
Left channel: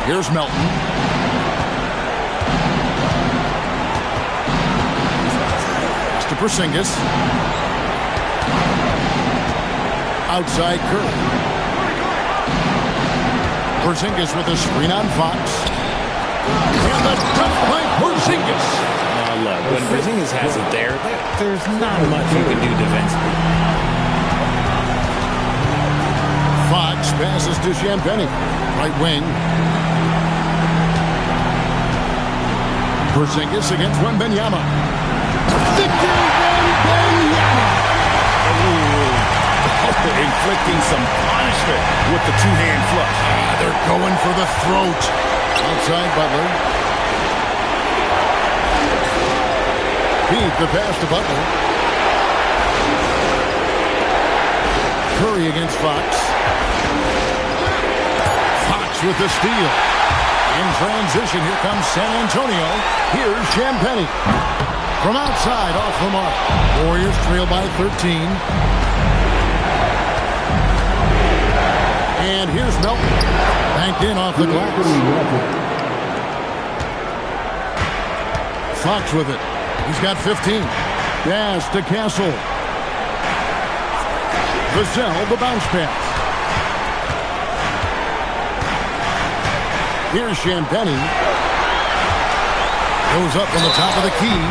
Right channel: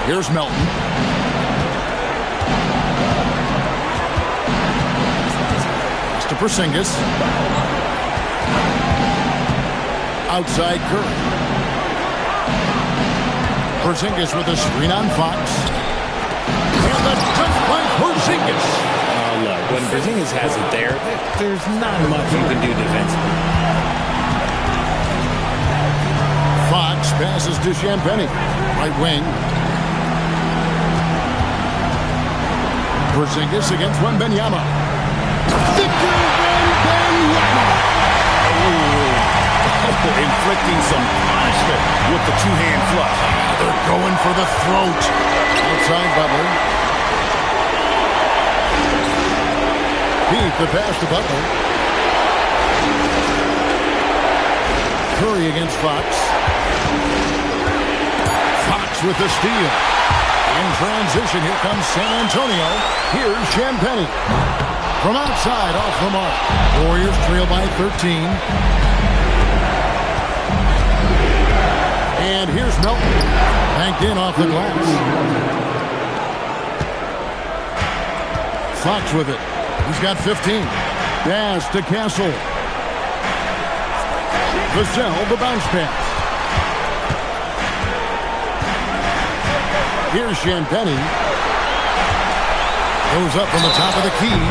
Here's Melton. Pass to Porzingis. Outside Curry. Porzingis with a screen on Fox. And the dunk by Porzingis. Oh, look, when Porzingis has it there, there's not much you can do defensively. Fox passes to Champagnie. Right wing. Porzingis against Wembanyama. Victor Wembanyama. Oh, inflicting some punishment with the two-hand flush. They're going for the throat. Outside Butler. Pete, the pass to Butler. Curry against Fox. Fox with the steal. In transition, here comes San Antonio. Here's Champagnie. From outside, off the mark. Warriors trail by 13. And here's Melton. Banked in off the glass. Fox with it. He's got 15. Pass to Castle. Vassell, the bounce pass. Here's Champagnie. Goes up on the top of the key.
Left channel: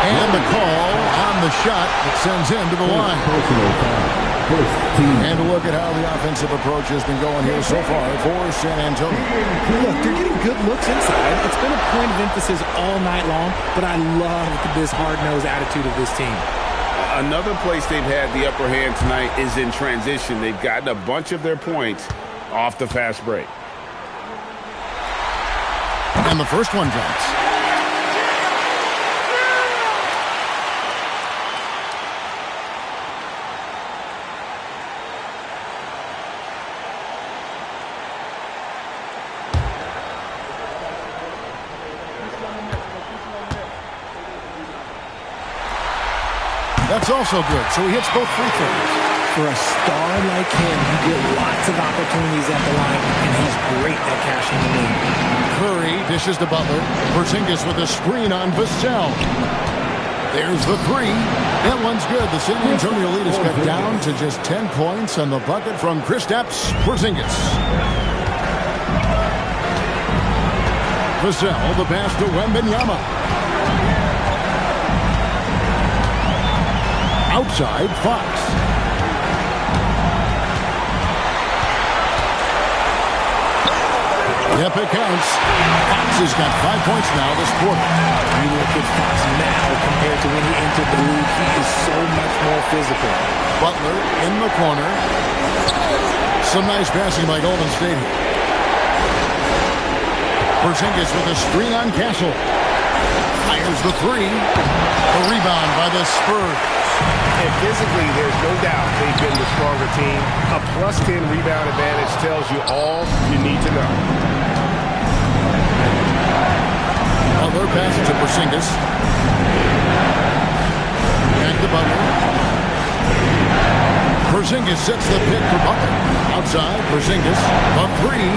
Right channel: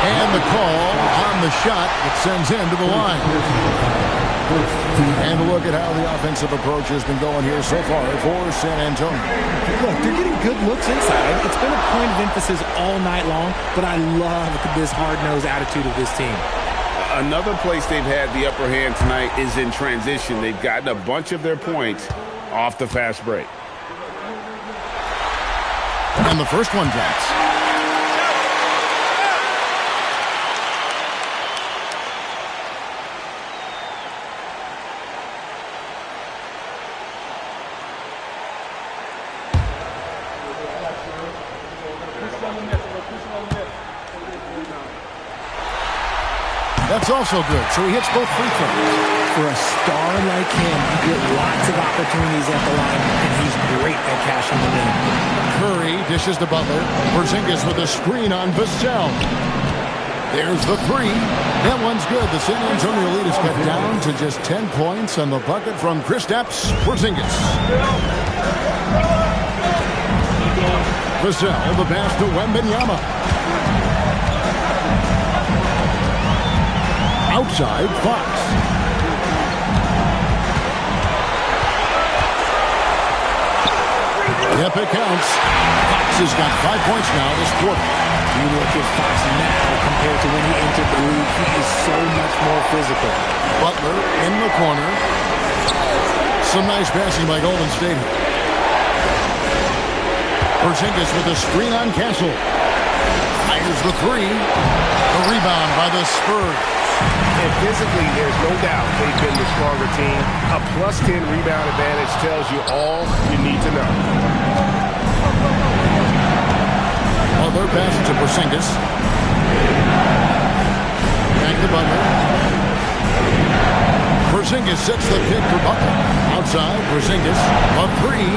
And the call on the shot that sends him to the line. And look at how the offensive approach has been going here so far for San Antonio. Look, they're getting good looks inside. It's been a point of emphasis all night long, but I love this hard-nosed attitude of this team. Another place they've had the upper hand tonight is in transition. They've gotten a bunch of their points off the fast break. And the first one drops. That's also good. So he hits both free throws. For a star like him, you get lots of opportunities at the line, and he's great at cashing them in. Curry dishes to Butler. Porzingis with a screen on Vassell. There's the three. That one's good. The San Antonio lead is cut down to just 10 points on the bucket from Kristaps Porzingis. Vassell, the pass to Wembanyama. Outside, Fox. Yep, it counts. Fox has got 5 points now this quarter. You look at Fox now compared to when he entered the league, he is so much more physical. Butler in the corner. Some nice passing by Golden State here. Porzingis with a screen on Castle. Fires the three. The rebound by the Spurs. And physically, there's no doubt they've been the stronger team. A plus 10 rebound advantage tells you all you need to know. Butler passes to Porzingis. Back to Butler. Porzingis sets the pick for Butler. Outside, Porzingis. A three.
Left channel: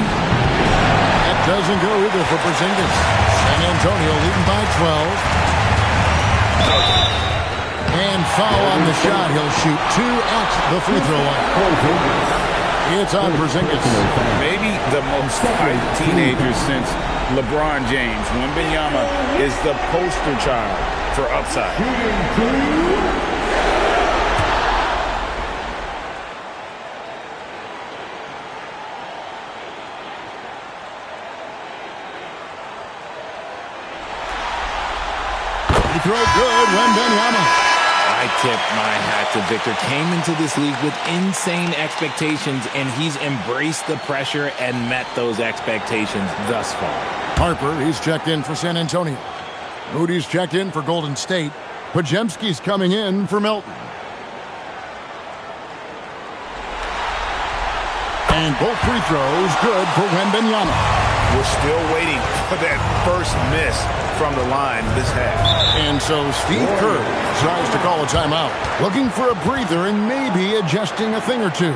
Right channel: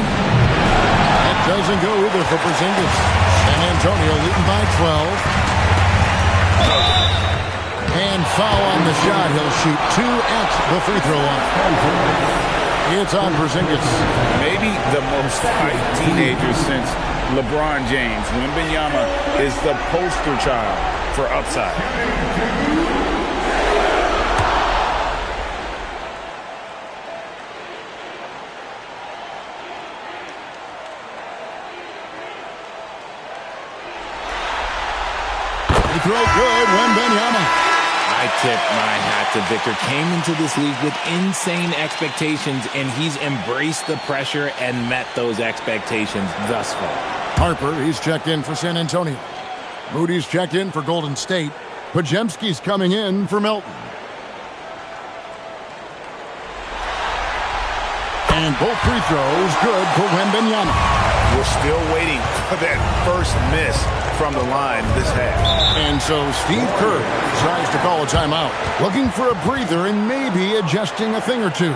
That doesn't go either for Porzingis. San Antonio leading by 12. And foul on the shot. He'll shoot 2 at the free throw line. It's on Porzingis. Maybe the most hyped teenager since LeBron James. Wembanyama is the poster child for upside. Free throw good, Wembanyama. I tip my hat to Victor. Came into this league with insane expectations, and he's embraced the pressure and met those expectations thus far. Harper, he's checked in for San Antonio. Moody's checked in for Golden State. Podziemski's coming in for Melton. And both free throws good for Wembanyama. We're still waiting for that first miss from the line this half. And so Steve Kerr tries to call a timeout, looking for a breather and maybe adjusting a thing or two.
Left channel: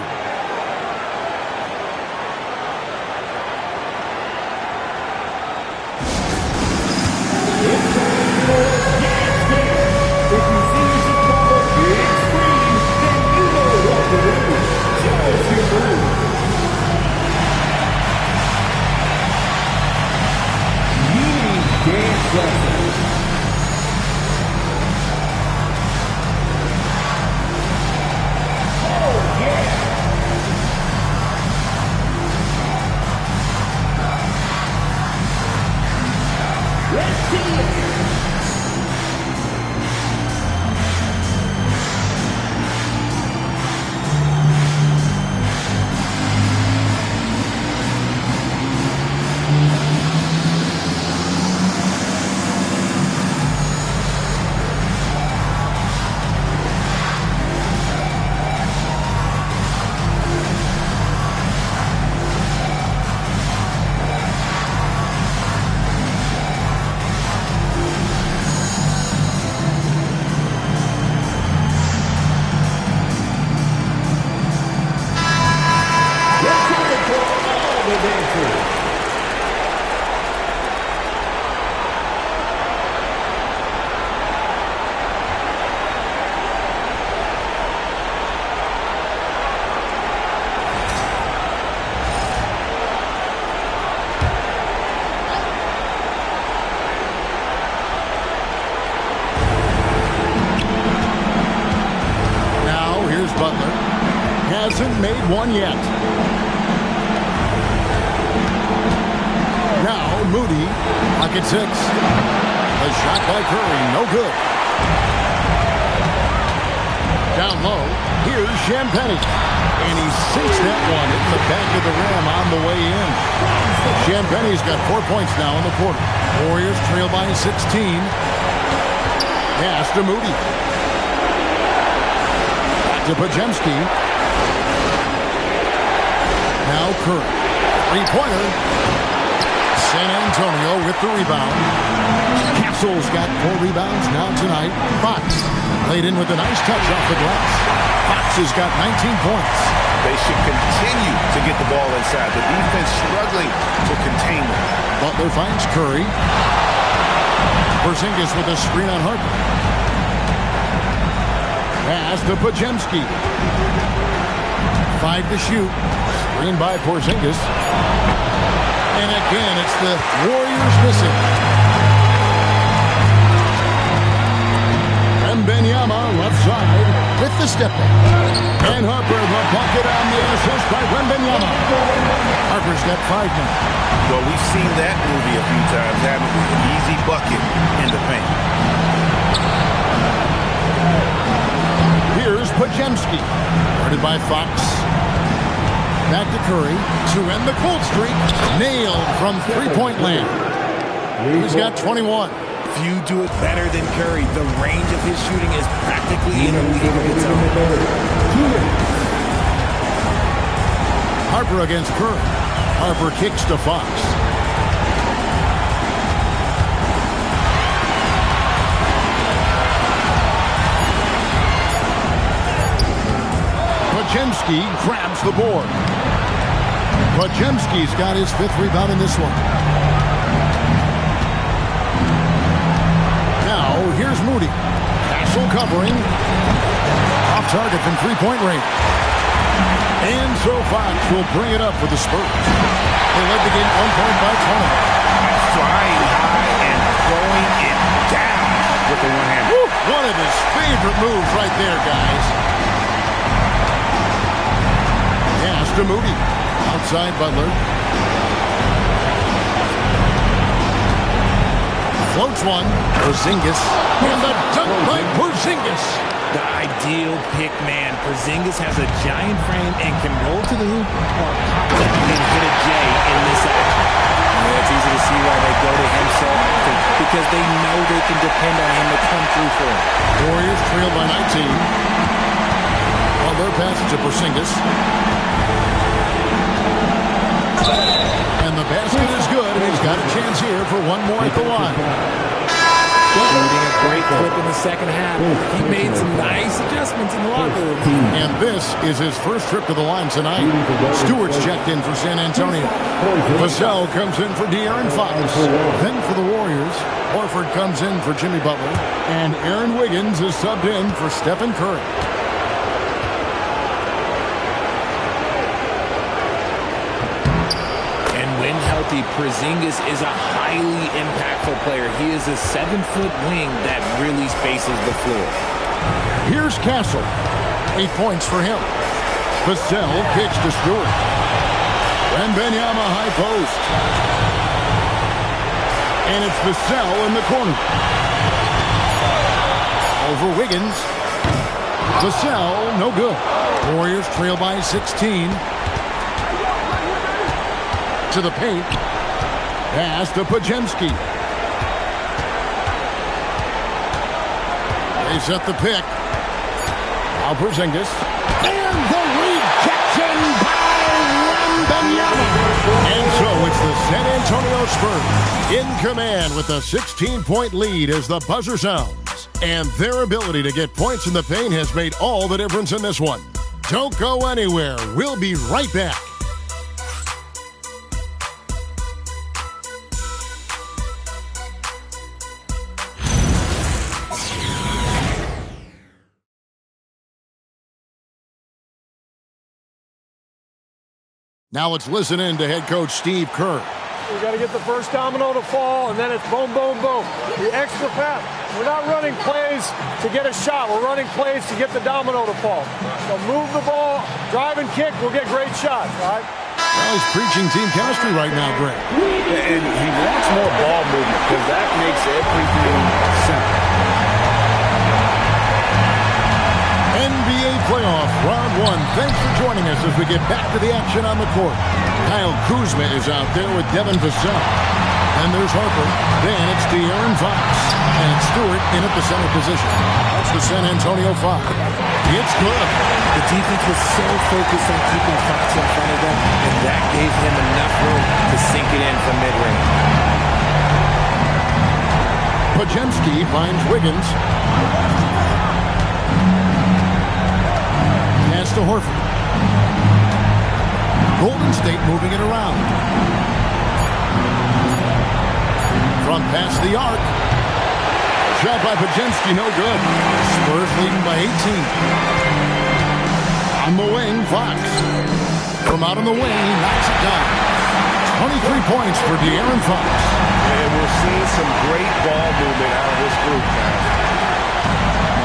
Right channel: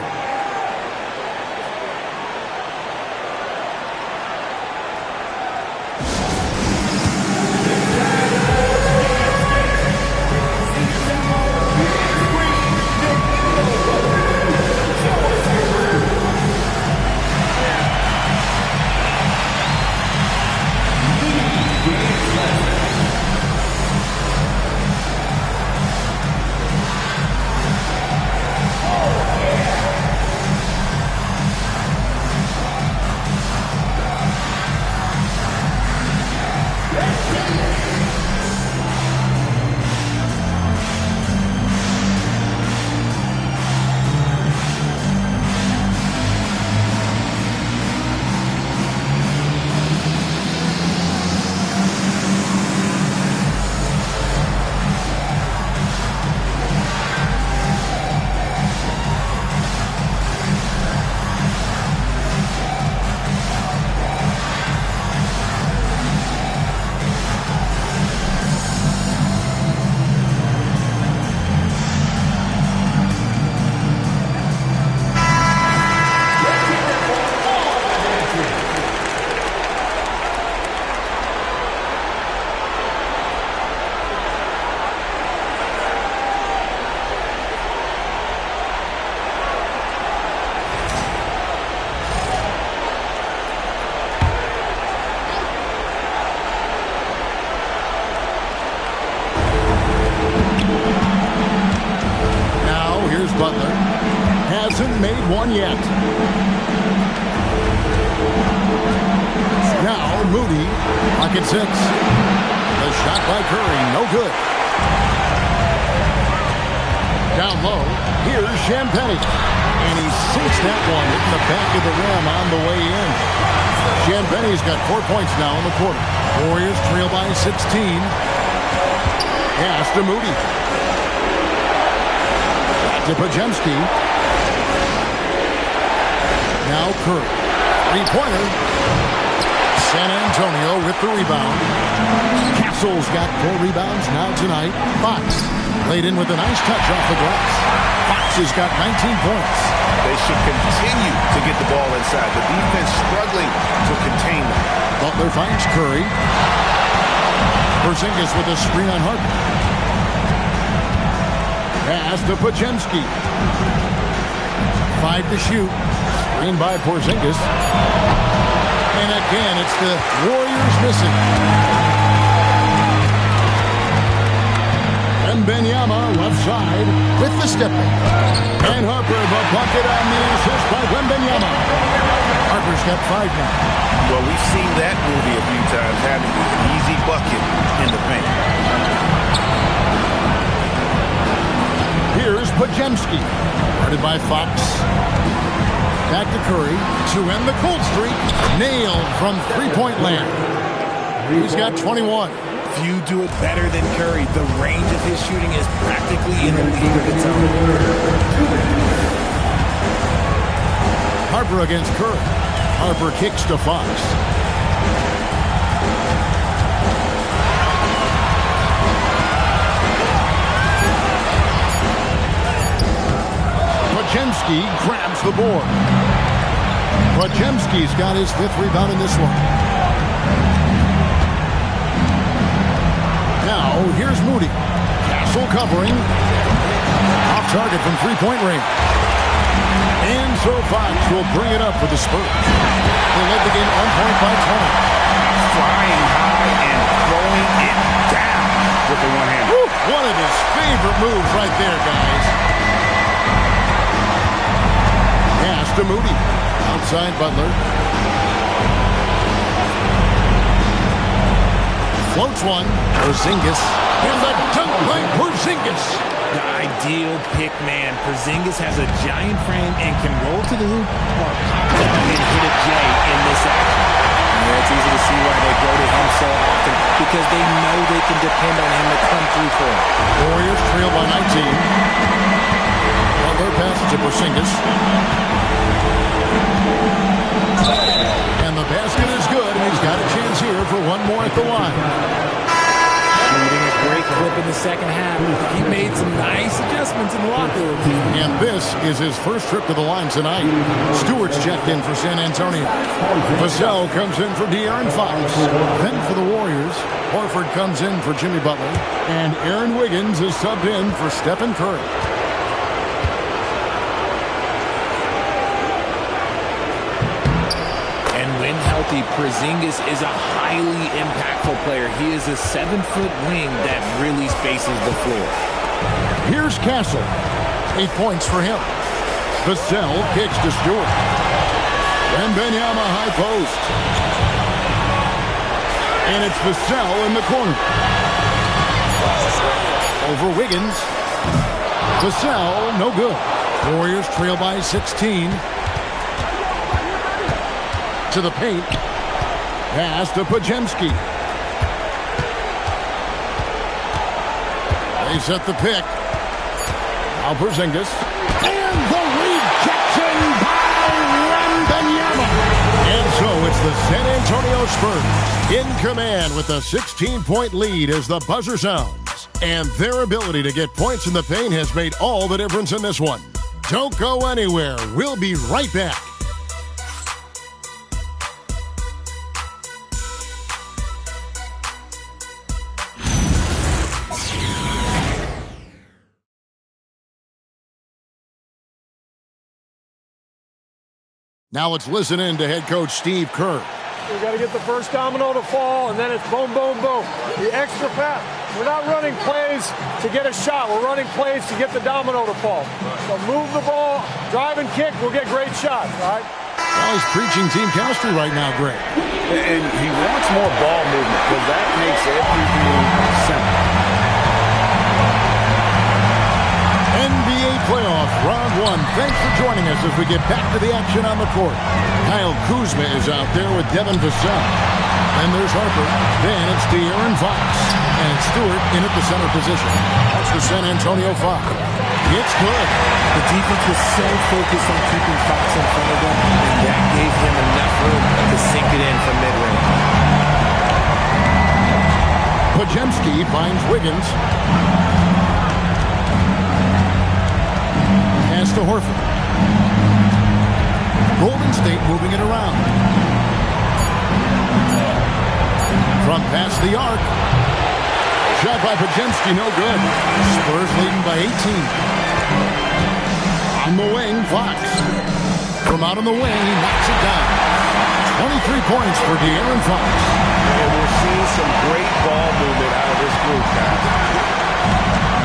Butler hasn't made one yet. Now Moody, pocket 6. The shot by Curry, no good. Down low, here's Champagnie. And he sinks that one, hitting the back of the rim on the way in. Champagnie's got 4 points now in the quarter. Warriors trail by 16. Pass to Moody. To Podziemski. Now Curry. Three-pointer. San Antonio with the rebound. Castle's got 4 rebounds now tonight. Fox laid in with a nice touch off the glass. Fox has got 19 points. They should continue to get the ball inside. The defense struggling to contain them. Butler finds Curry. Porzingis with a screen on Harper. Pass to Podziemski. 5 to shoot. Screen by Porzingis. And again, it's the Warriors missing. Wembanyama left side with the step back. And Harper, the bucket on the assist by Wembanyama. Harper's got 5 now. Well, we've seen that movie a few times, haven't we? An easy bucket in the paint. Here's Pajemski. Guarded by Fox. Back to Curry to end the cold streak. Nailed from three-point land. He's got 21. Few do it better than Curry. The range of his shooting is practically in a league of its own. Harper against Curry. Harper kicks to Fox. Pajemski grabs the board. Pajemski's got his 5th rebound in this one. Now, here's Moody. Castle covering. Off target from three-point range. And so Fox will bring it up for the Spurs. They led the game on point by 20. Flying high and throwing it down with the one hand. One of his favorite moves right there, guys. Pass to Moody. Outside Butler. Floats one. Porzingis. And the dunk by Porzingis. The ideal pick man. Porzingis has a giant frame and can roll to the hoop or pop down and hit a J in this action. Yeah, it's easy to see why they go to him so often, because they know they can depend on him to come through for them. Warriors trail by 19. Butler passes to Porzingis. And the basket is good, and he's got a chance here for one more at the line. Shooting a great clip in the second half. He made some nice adjustments in the locker room. And this is his first trip to the line tonight. Stewart's checked in for San Antonio. Vassell comes in for De'Aaron Fox. Then for the Warriors, Horford comes in for Jimmy Butler. And Aaron Wiggins is subbed in for Stephen Curry. When healthy, Porzingis is a highly impactful player. He is a 7-foot wing that really spaces the floor. Here's Castle. 8 points for him. Vassell kicks to Stewart. Wembanyama high post. And it's Vassell in the corner. Over Wiggins. Vassell, no good. Warriors trail by 16. To the paint. Pass to Pajemski. They set the pick. Now Porzingis. And the rejection by Wembanyama. And so it's the San Antonio Spurs in command with a 16-point lead as the buzzer sounds. And their ability to get points in the paint has made all the difference in this one. Don't go anywhere. We'll be right back. Now let's listen in to head coach Steve Kerr. We got to get the first domino to fall, and then it's boom, boom, boom. The extra pass. We're not running plays to get a shot. We're running plays to get the domino to fall. So move the ball, drive and kick. We'll get great shots, all right? Well, he's preaching team chemistry right now, Greg. And he wants more ball movement because that makes everything simple. NBA playoff round 1. Thanks for joining us as we get back to the action on the court. Kyle Kuzma is out there with Devin Vassell. Then there's Harper. Then it's De'Aaron Fox. And it's Stewart in at the center position. That's the San Antonio 5. It's good. The defense was so focused on keeping Fox in front of them, and that gave him enough room to sink it in from mid-range. Pajemski finds Wiggins. Pass to Horford. Golden State moving it around. Front past the arc. Shot by Pajemski, no good. Spurs leading by 18. On the wing, Fox. From out on the wing, he knocks it down. 23 points for De'Aaron Fox. And we're seeing some great ball movement out of this group, guys.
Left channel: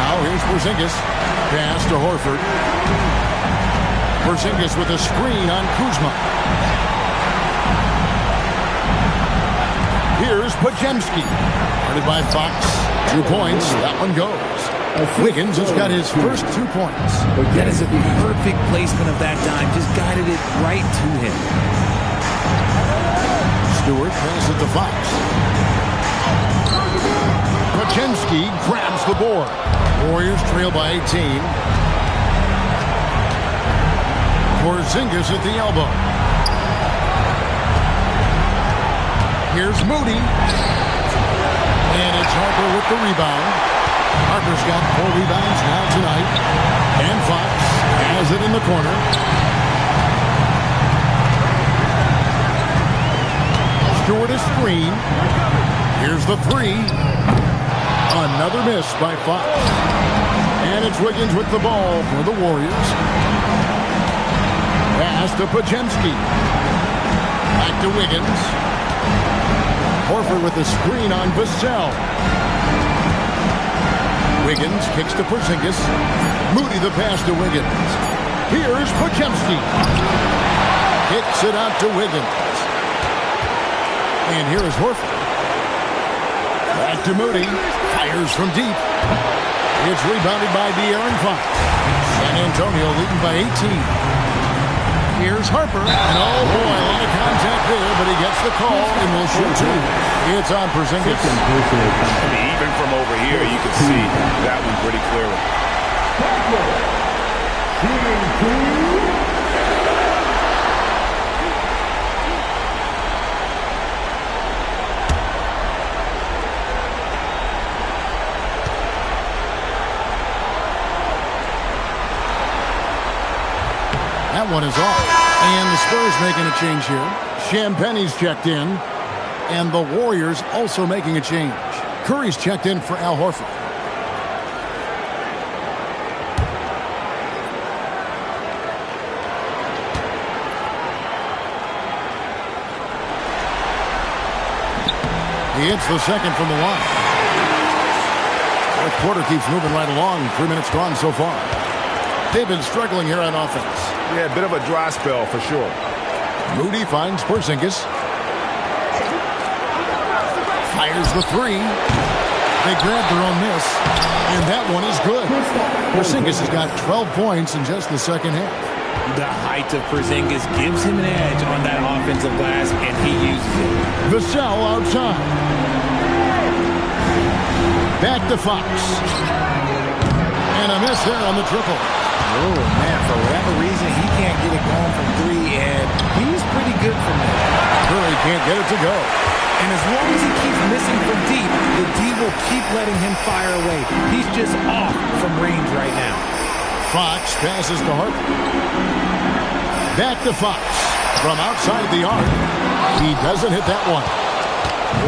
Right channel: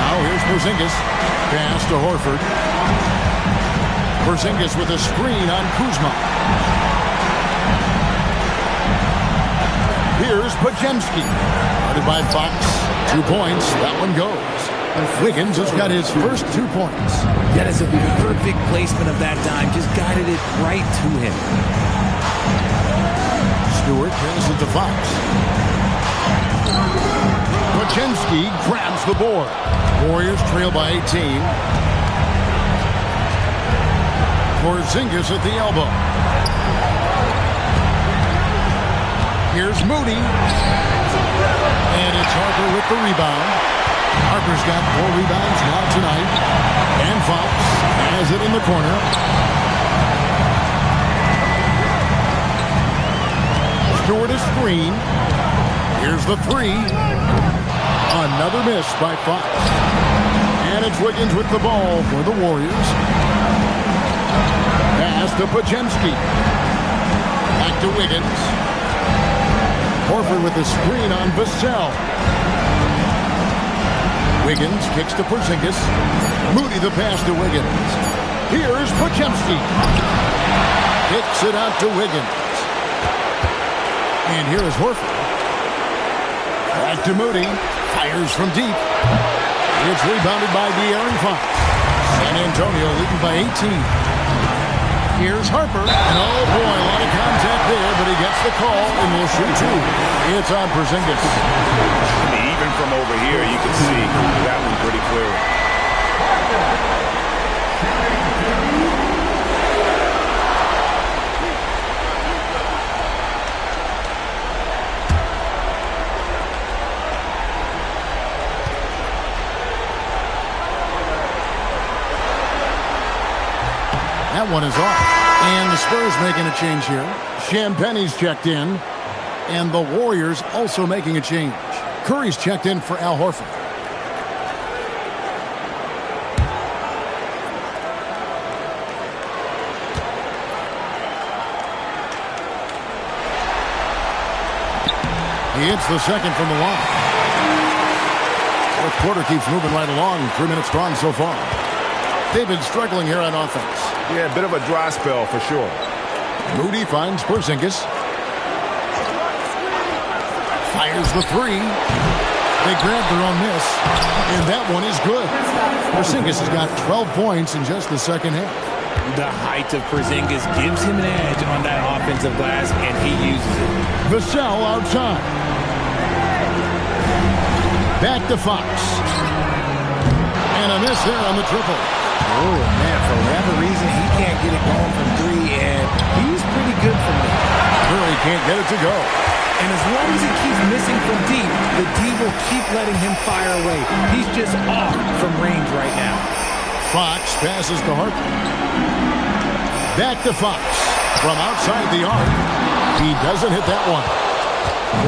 Now here's Porzingis. Pass to Horford. Porzingis with a screen on Kuzma. Here's Podziemski. Guarded by Fox. 2 points. That one goes. Wiggins has got his first 2 points. That is a perfect placement of that dime. Just guided it right to him. Stewart passes to Fox. Podziemski grabs the board. Warriors trail by 18. Porzingis at the elbow. Here's Moody. And it's Harper with the rebound. Harper's got 4 rebounds now tonight. And Fox has it in the corner. Stewart is screen. Here's the 3. Another miss by Fox. And it's Wiggins with the ball for the Warriors. Pass to Podziemski. Back to Wiggins. Horford with the screen on Vassell. Wiggins kicks to Porzingis. Moody the pass to Wiggins. Here's Podziemski. Kicks it out to Wiggins. And here is Horford. Back to Moody. Fires from deep. It's rebounded by De'Aaron Fox. San Antonio leading by 18. Here's Harper. And oh boy, a lot of contact there, but he gets the call and will shoot 2. It's on Porzingis. I mean, even from over here, you can see that one pretty clearly. That one is off. And the Spurs making a change here. Champagne's checked in. And the Warriors also making a change. Curry's checked in for Al Horford. He hits the second from the line. Fourth quarter keeps moving right along. 3 minutes gone so far. They've been struggling here on offense. Yeah, a bit of a dry spell for sure. Moody finds Porzingis. Fires the 3. They grabbed their own miss. And that one is good. Porzingis has got 12 points in just the second half. The height of Porzingis gives him an edge on that offensive glass, and he uses it. Vassell outside. Back to Fox. And a miss there on the triple. Oh, man, for whatever reason, he can't get it going from 3, and he's pretty good from there. Curry can't get it to go. And as long as he keeps missing from deep, the D will keep letting him fire away. He's just off from range right now. Fox passes to Harper. Back to Fox. From outside the arc. He doesn't hit that one.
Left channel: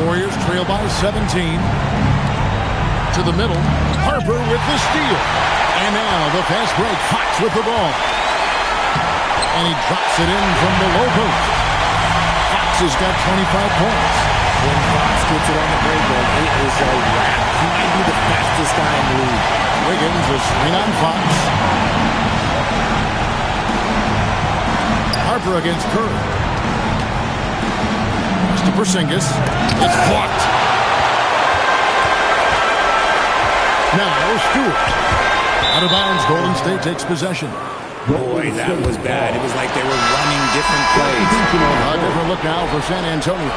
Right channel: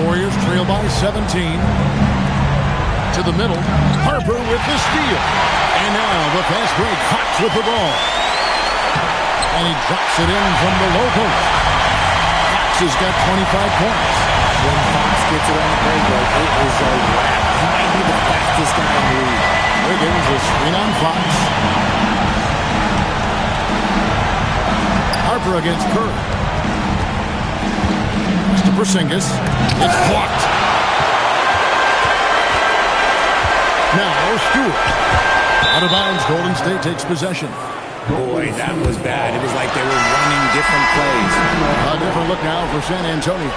Warriors trail by 17. To the middle. Harper with the steal. And now the fast break. Fox with the ball. And he drops it in from the low post. Fox has got 25 points. When Fox gets it on the break, it is a wrap. He might be the fastest guy in the league. Wiggins, a screen on Fox. Harper against Curry. Next to Porzingis. It's blocked. Now Stewart. Out of bounds, Golden State takes possession. Boy, that was bad. It was like they were running different plays. A different look now for San Antonio.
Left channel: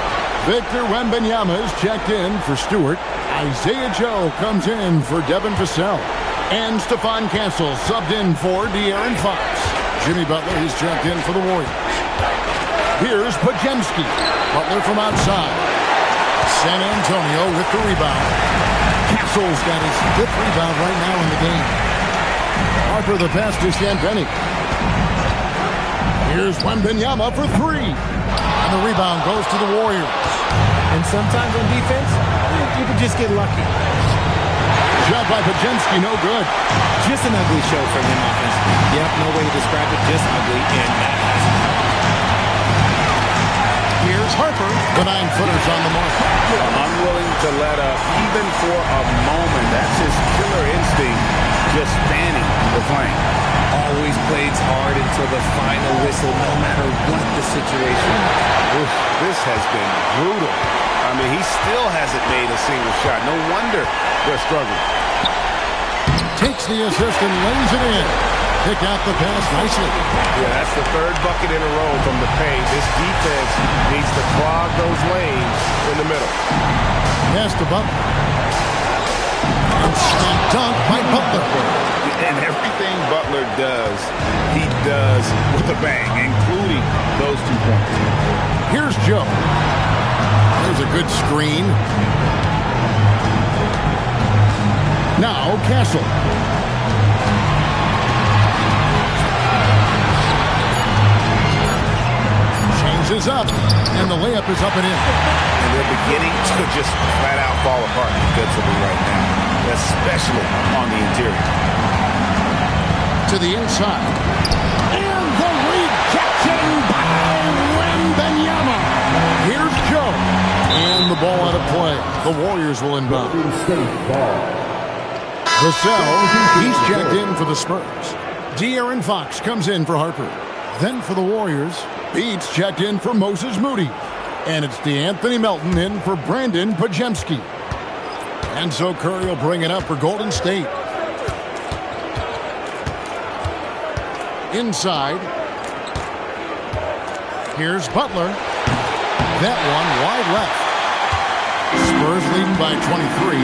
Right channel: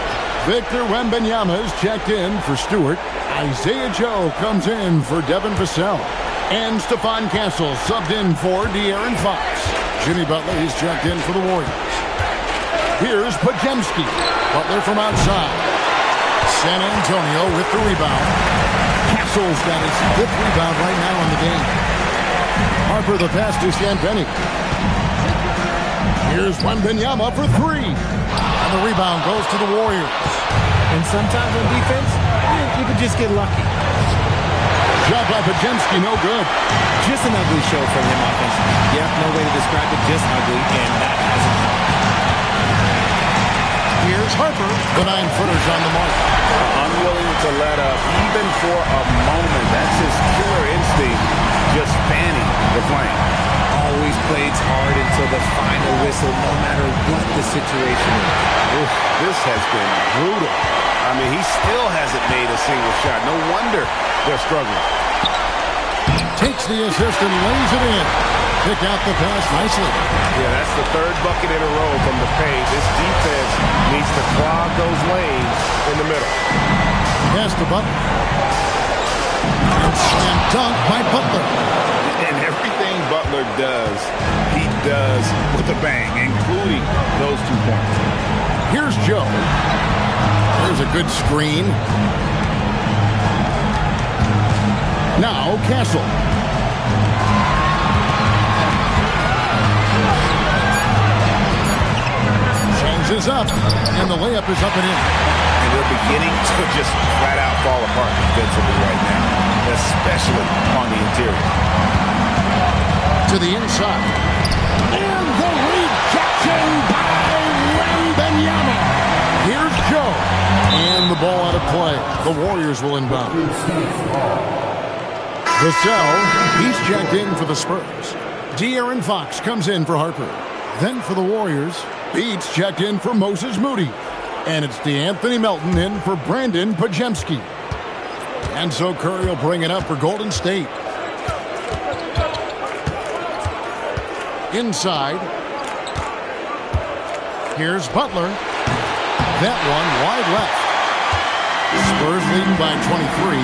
Victor Wembanyama is checked in for Stewart. Isaiah Joe comes in for Devin Vassell. And Stephon Castle subbed in for De'Aaron Fox. Jimmy Butler is checked in for the Warriors. Here's Podziemski. Butler from outside. San Antonio with the rebound. Castle's got his 5th rebound right now in the game. Harper the pass to Champagnie. Here's Wembanyama for 3. And the rebound goes to the Warriors. And sometimes on defense, you can just get lucky. Shot by Podziemski, no good. Just an ugly show from him offensively. Yep, no way to describe it, just ugly, and that hasn't helped. Here's Harper. The 9-footer's on the mark. Unwilling to let up even for a moment. That's his killer instinct, just fanning the flame. Always plays hard until the final whistle, no matter what the situation is. Oof, this has been brutal. I mean, he still hasn't made a single shot. No wonder they're struggling. Takes the assist and lays it in. Pick out the pass nicely. Yeah, that's the third bucket in a row from the paint. This defense needs to clog those lanes in the middle. Pass to Butler. And slam dunk by Butler. And everything Butler does, he does with a bang, including those 2 points. Here's Joe. There's a good screen. Now Castle. Changes up, and the layup is up and in. And they're beginning to just flat out fall apart defensively right now, especially on the interior. To the inside. And the rejection by Wembanyama. Here's Joe. And the ball out of play. The Warriors will inbound. Vassell, he's checked in for the Spurs. De'Aaron Fox comes in for Harper. Then for the Warriors, Beats checked in for Moses Moody. And it's DeAnthony Melton in for Brandon Pajemski. And so Curry will bring it up for Golden State. Inside. Here's Butler. That one wide left. Spurs leading by 23.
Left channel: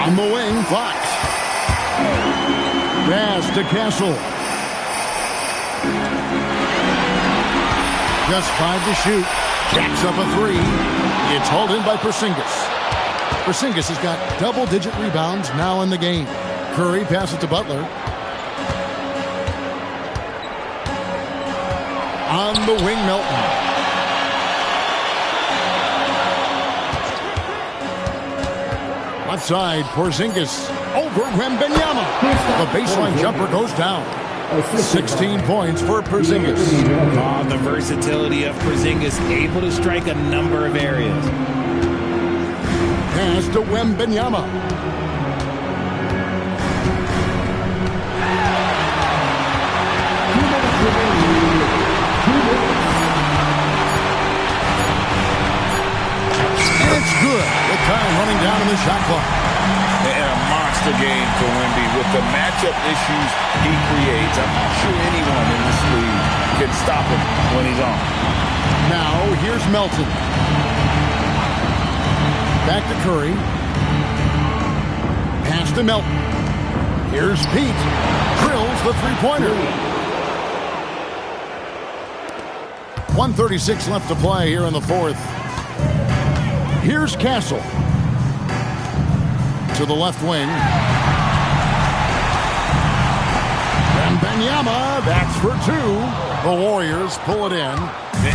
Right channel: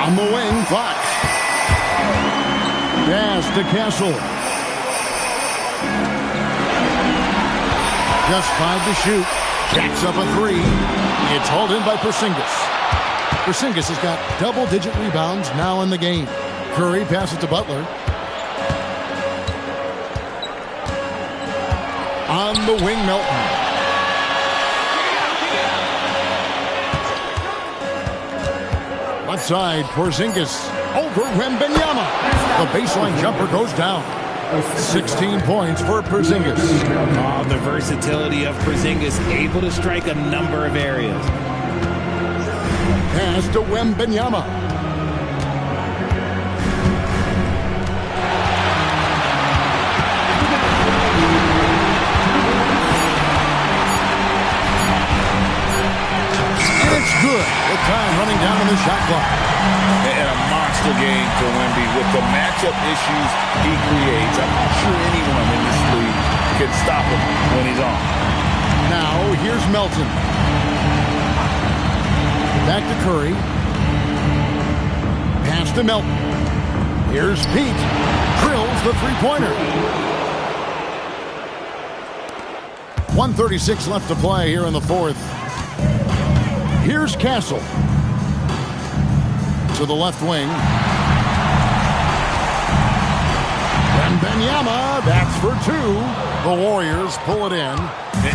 On the wing, Fox. Pass to Castle. Just 5 to shoot. Jacks up a 3. It's hauled in by Porzingis. Porzingis has got double-digit rebounds now in the game. Curry passes to Butler. On the wing, Melton. Left side, Porzingis over Wembanyama. The baseline jumper goes down. 16 points for Porzingis. Oh, the versatility of Porzingis, able to strike a number of areas. Pass to Wembanyama. It's good with time running down in the shot clock. And a monster game for Wemby with the matchup issues he creates. I'm not sure anyone in this league can stop him when he's on. Now here's Melton. Back to Curry. Pass to Melton. Here's Pete. Drills the three-pointer. 1:36 left to play here in the fourth. Here's Castle. To the left wing. Wembanyama, that's for 2. The Warriors pull it in.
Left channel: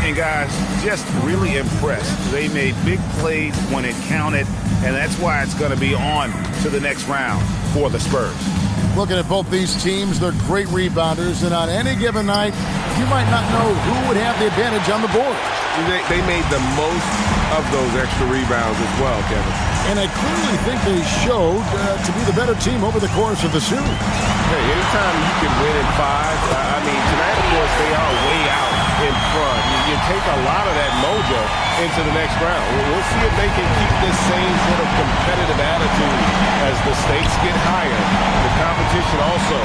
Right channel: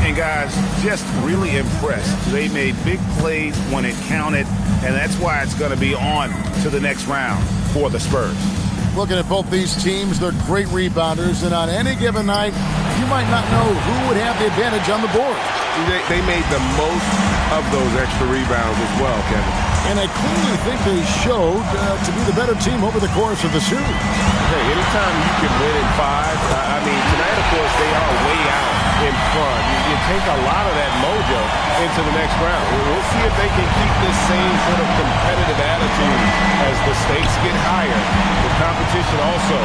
And guys, just really impressed. They made big plays when it counted, and that's why it's going to be on to the next round for the Spurs. Looking at both these teams, they're great rebounders, and on any given night, you might not know who would have the advantage on the board. They made the most of those extra rebounds as well, Kevin. And I clearly think they showed to be the better team over the course of the series. Hey, anytime you can win in 5, I mean, tonight, of course, they are way out in front. You take a lot of that mojo into the next round. We'll see if they can keep this same sort of competitive attitude as the stakes get higher. The competition also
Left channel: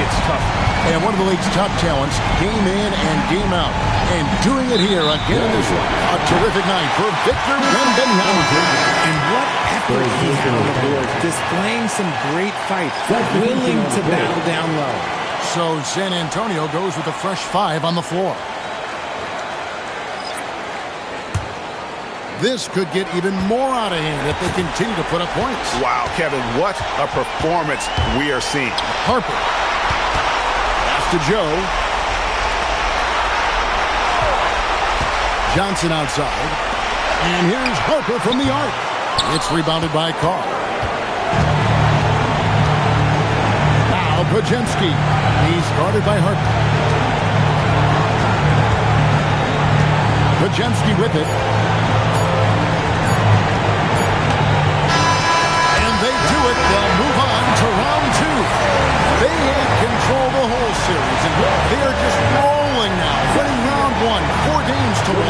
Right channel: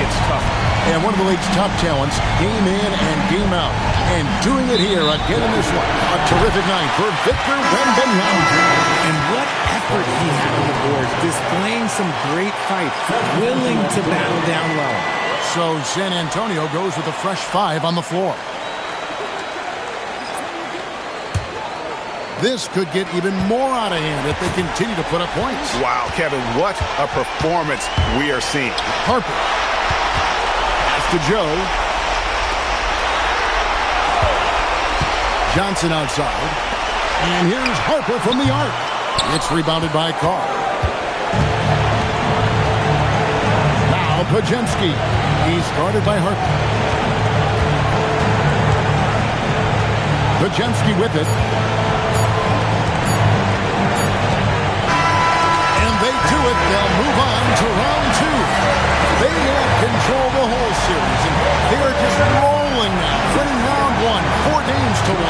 gets tougher. And one of the league's top talents, game in and game out. And doing it here again in this one. A terrific night for Victor Wembanyama. And what effort he had on the boards, displaying some great fight, willing to battle down low. So San Antonio goes with a fresh 5 on the floor. This could get even more out of hand if they continue to put up points. Wow, Kevin, what a performance we are seeing. Harper. Pass to Joe. Johnson outside. And here's Harper from the arc. It's rebounded by Carr. Now Pajemski. He's guarded by Harper. Pajemski with it. And they do it. They'll move on to round 2. They had control the whole series, and they are just rolling now, winning round 1, 4 games to 1.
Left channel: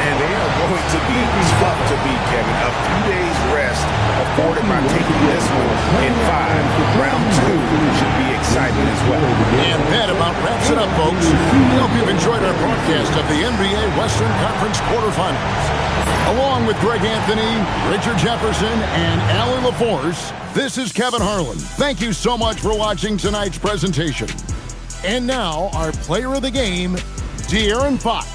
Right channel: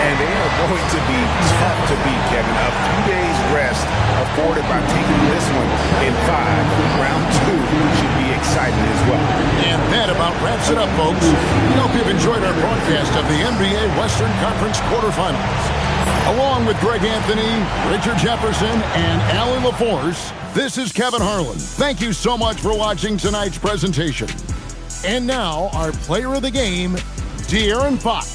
And they are going to be tough to beat, Kevin. A few days rest afforded by taking this one in 5. Round 2 should be exciting as well. And that about wraps it up, folks. We hope you've enjoyed our broadcast of the NBA Western Conference quarterfinals. Along with Greg Anthony, Richard Jefferson, and Allie LaForce, this is Kevin Harlan. Thank you so much for watching tonight's presentation. And now, our player of the game, De'Aaron Fox.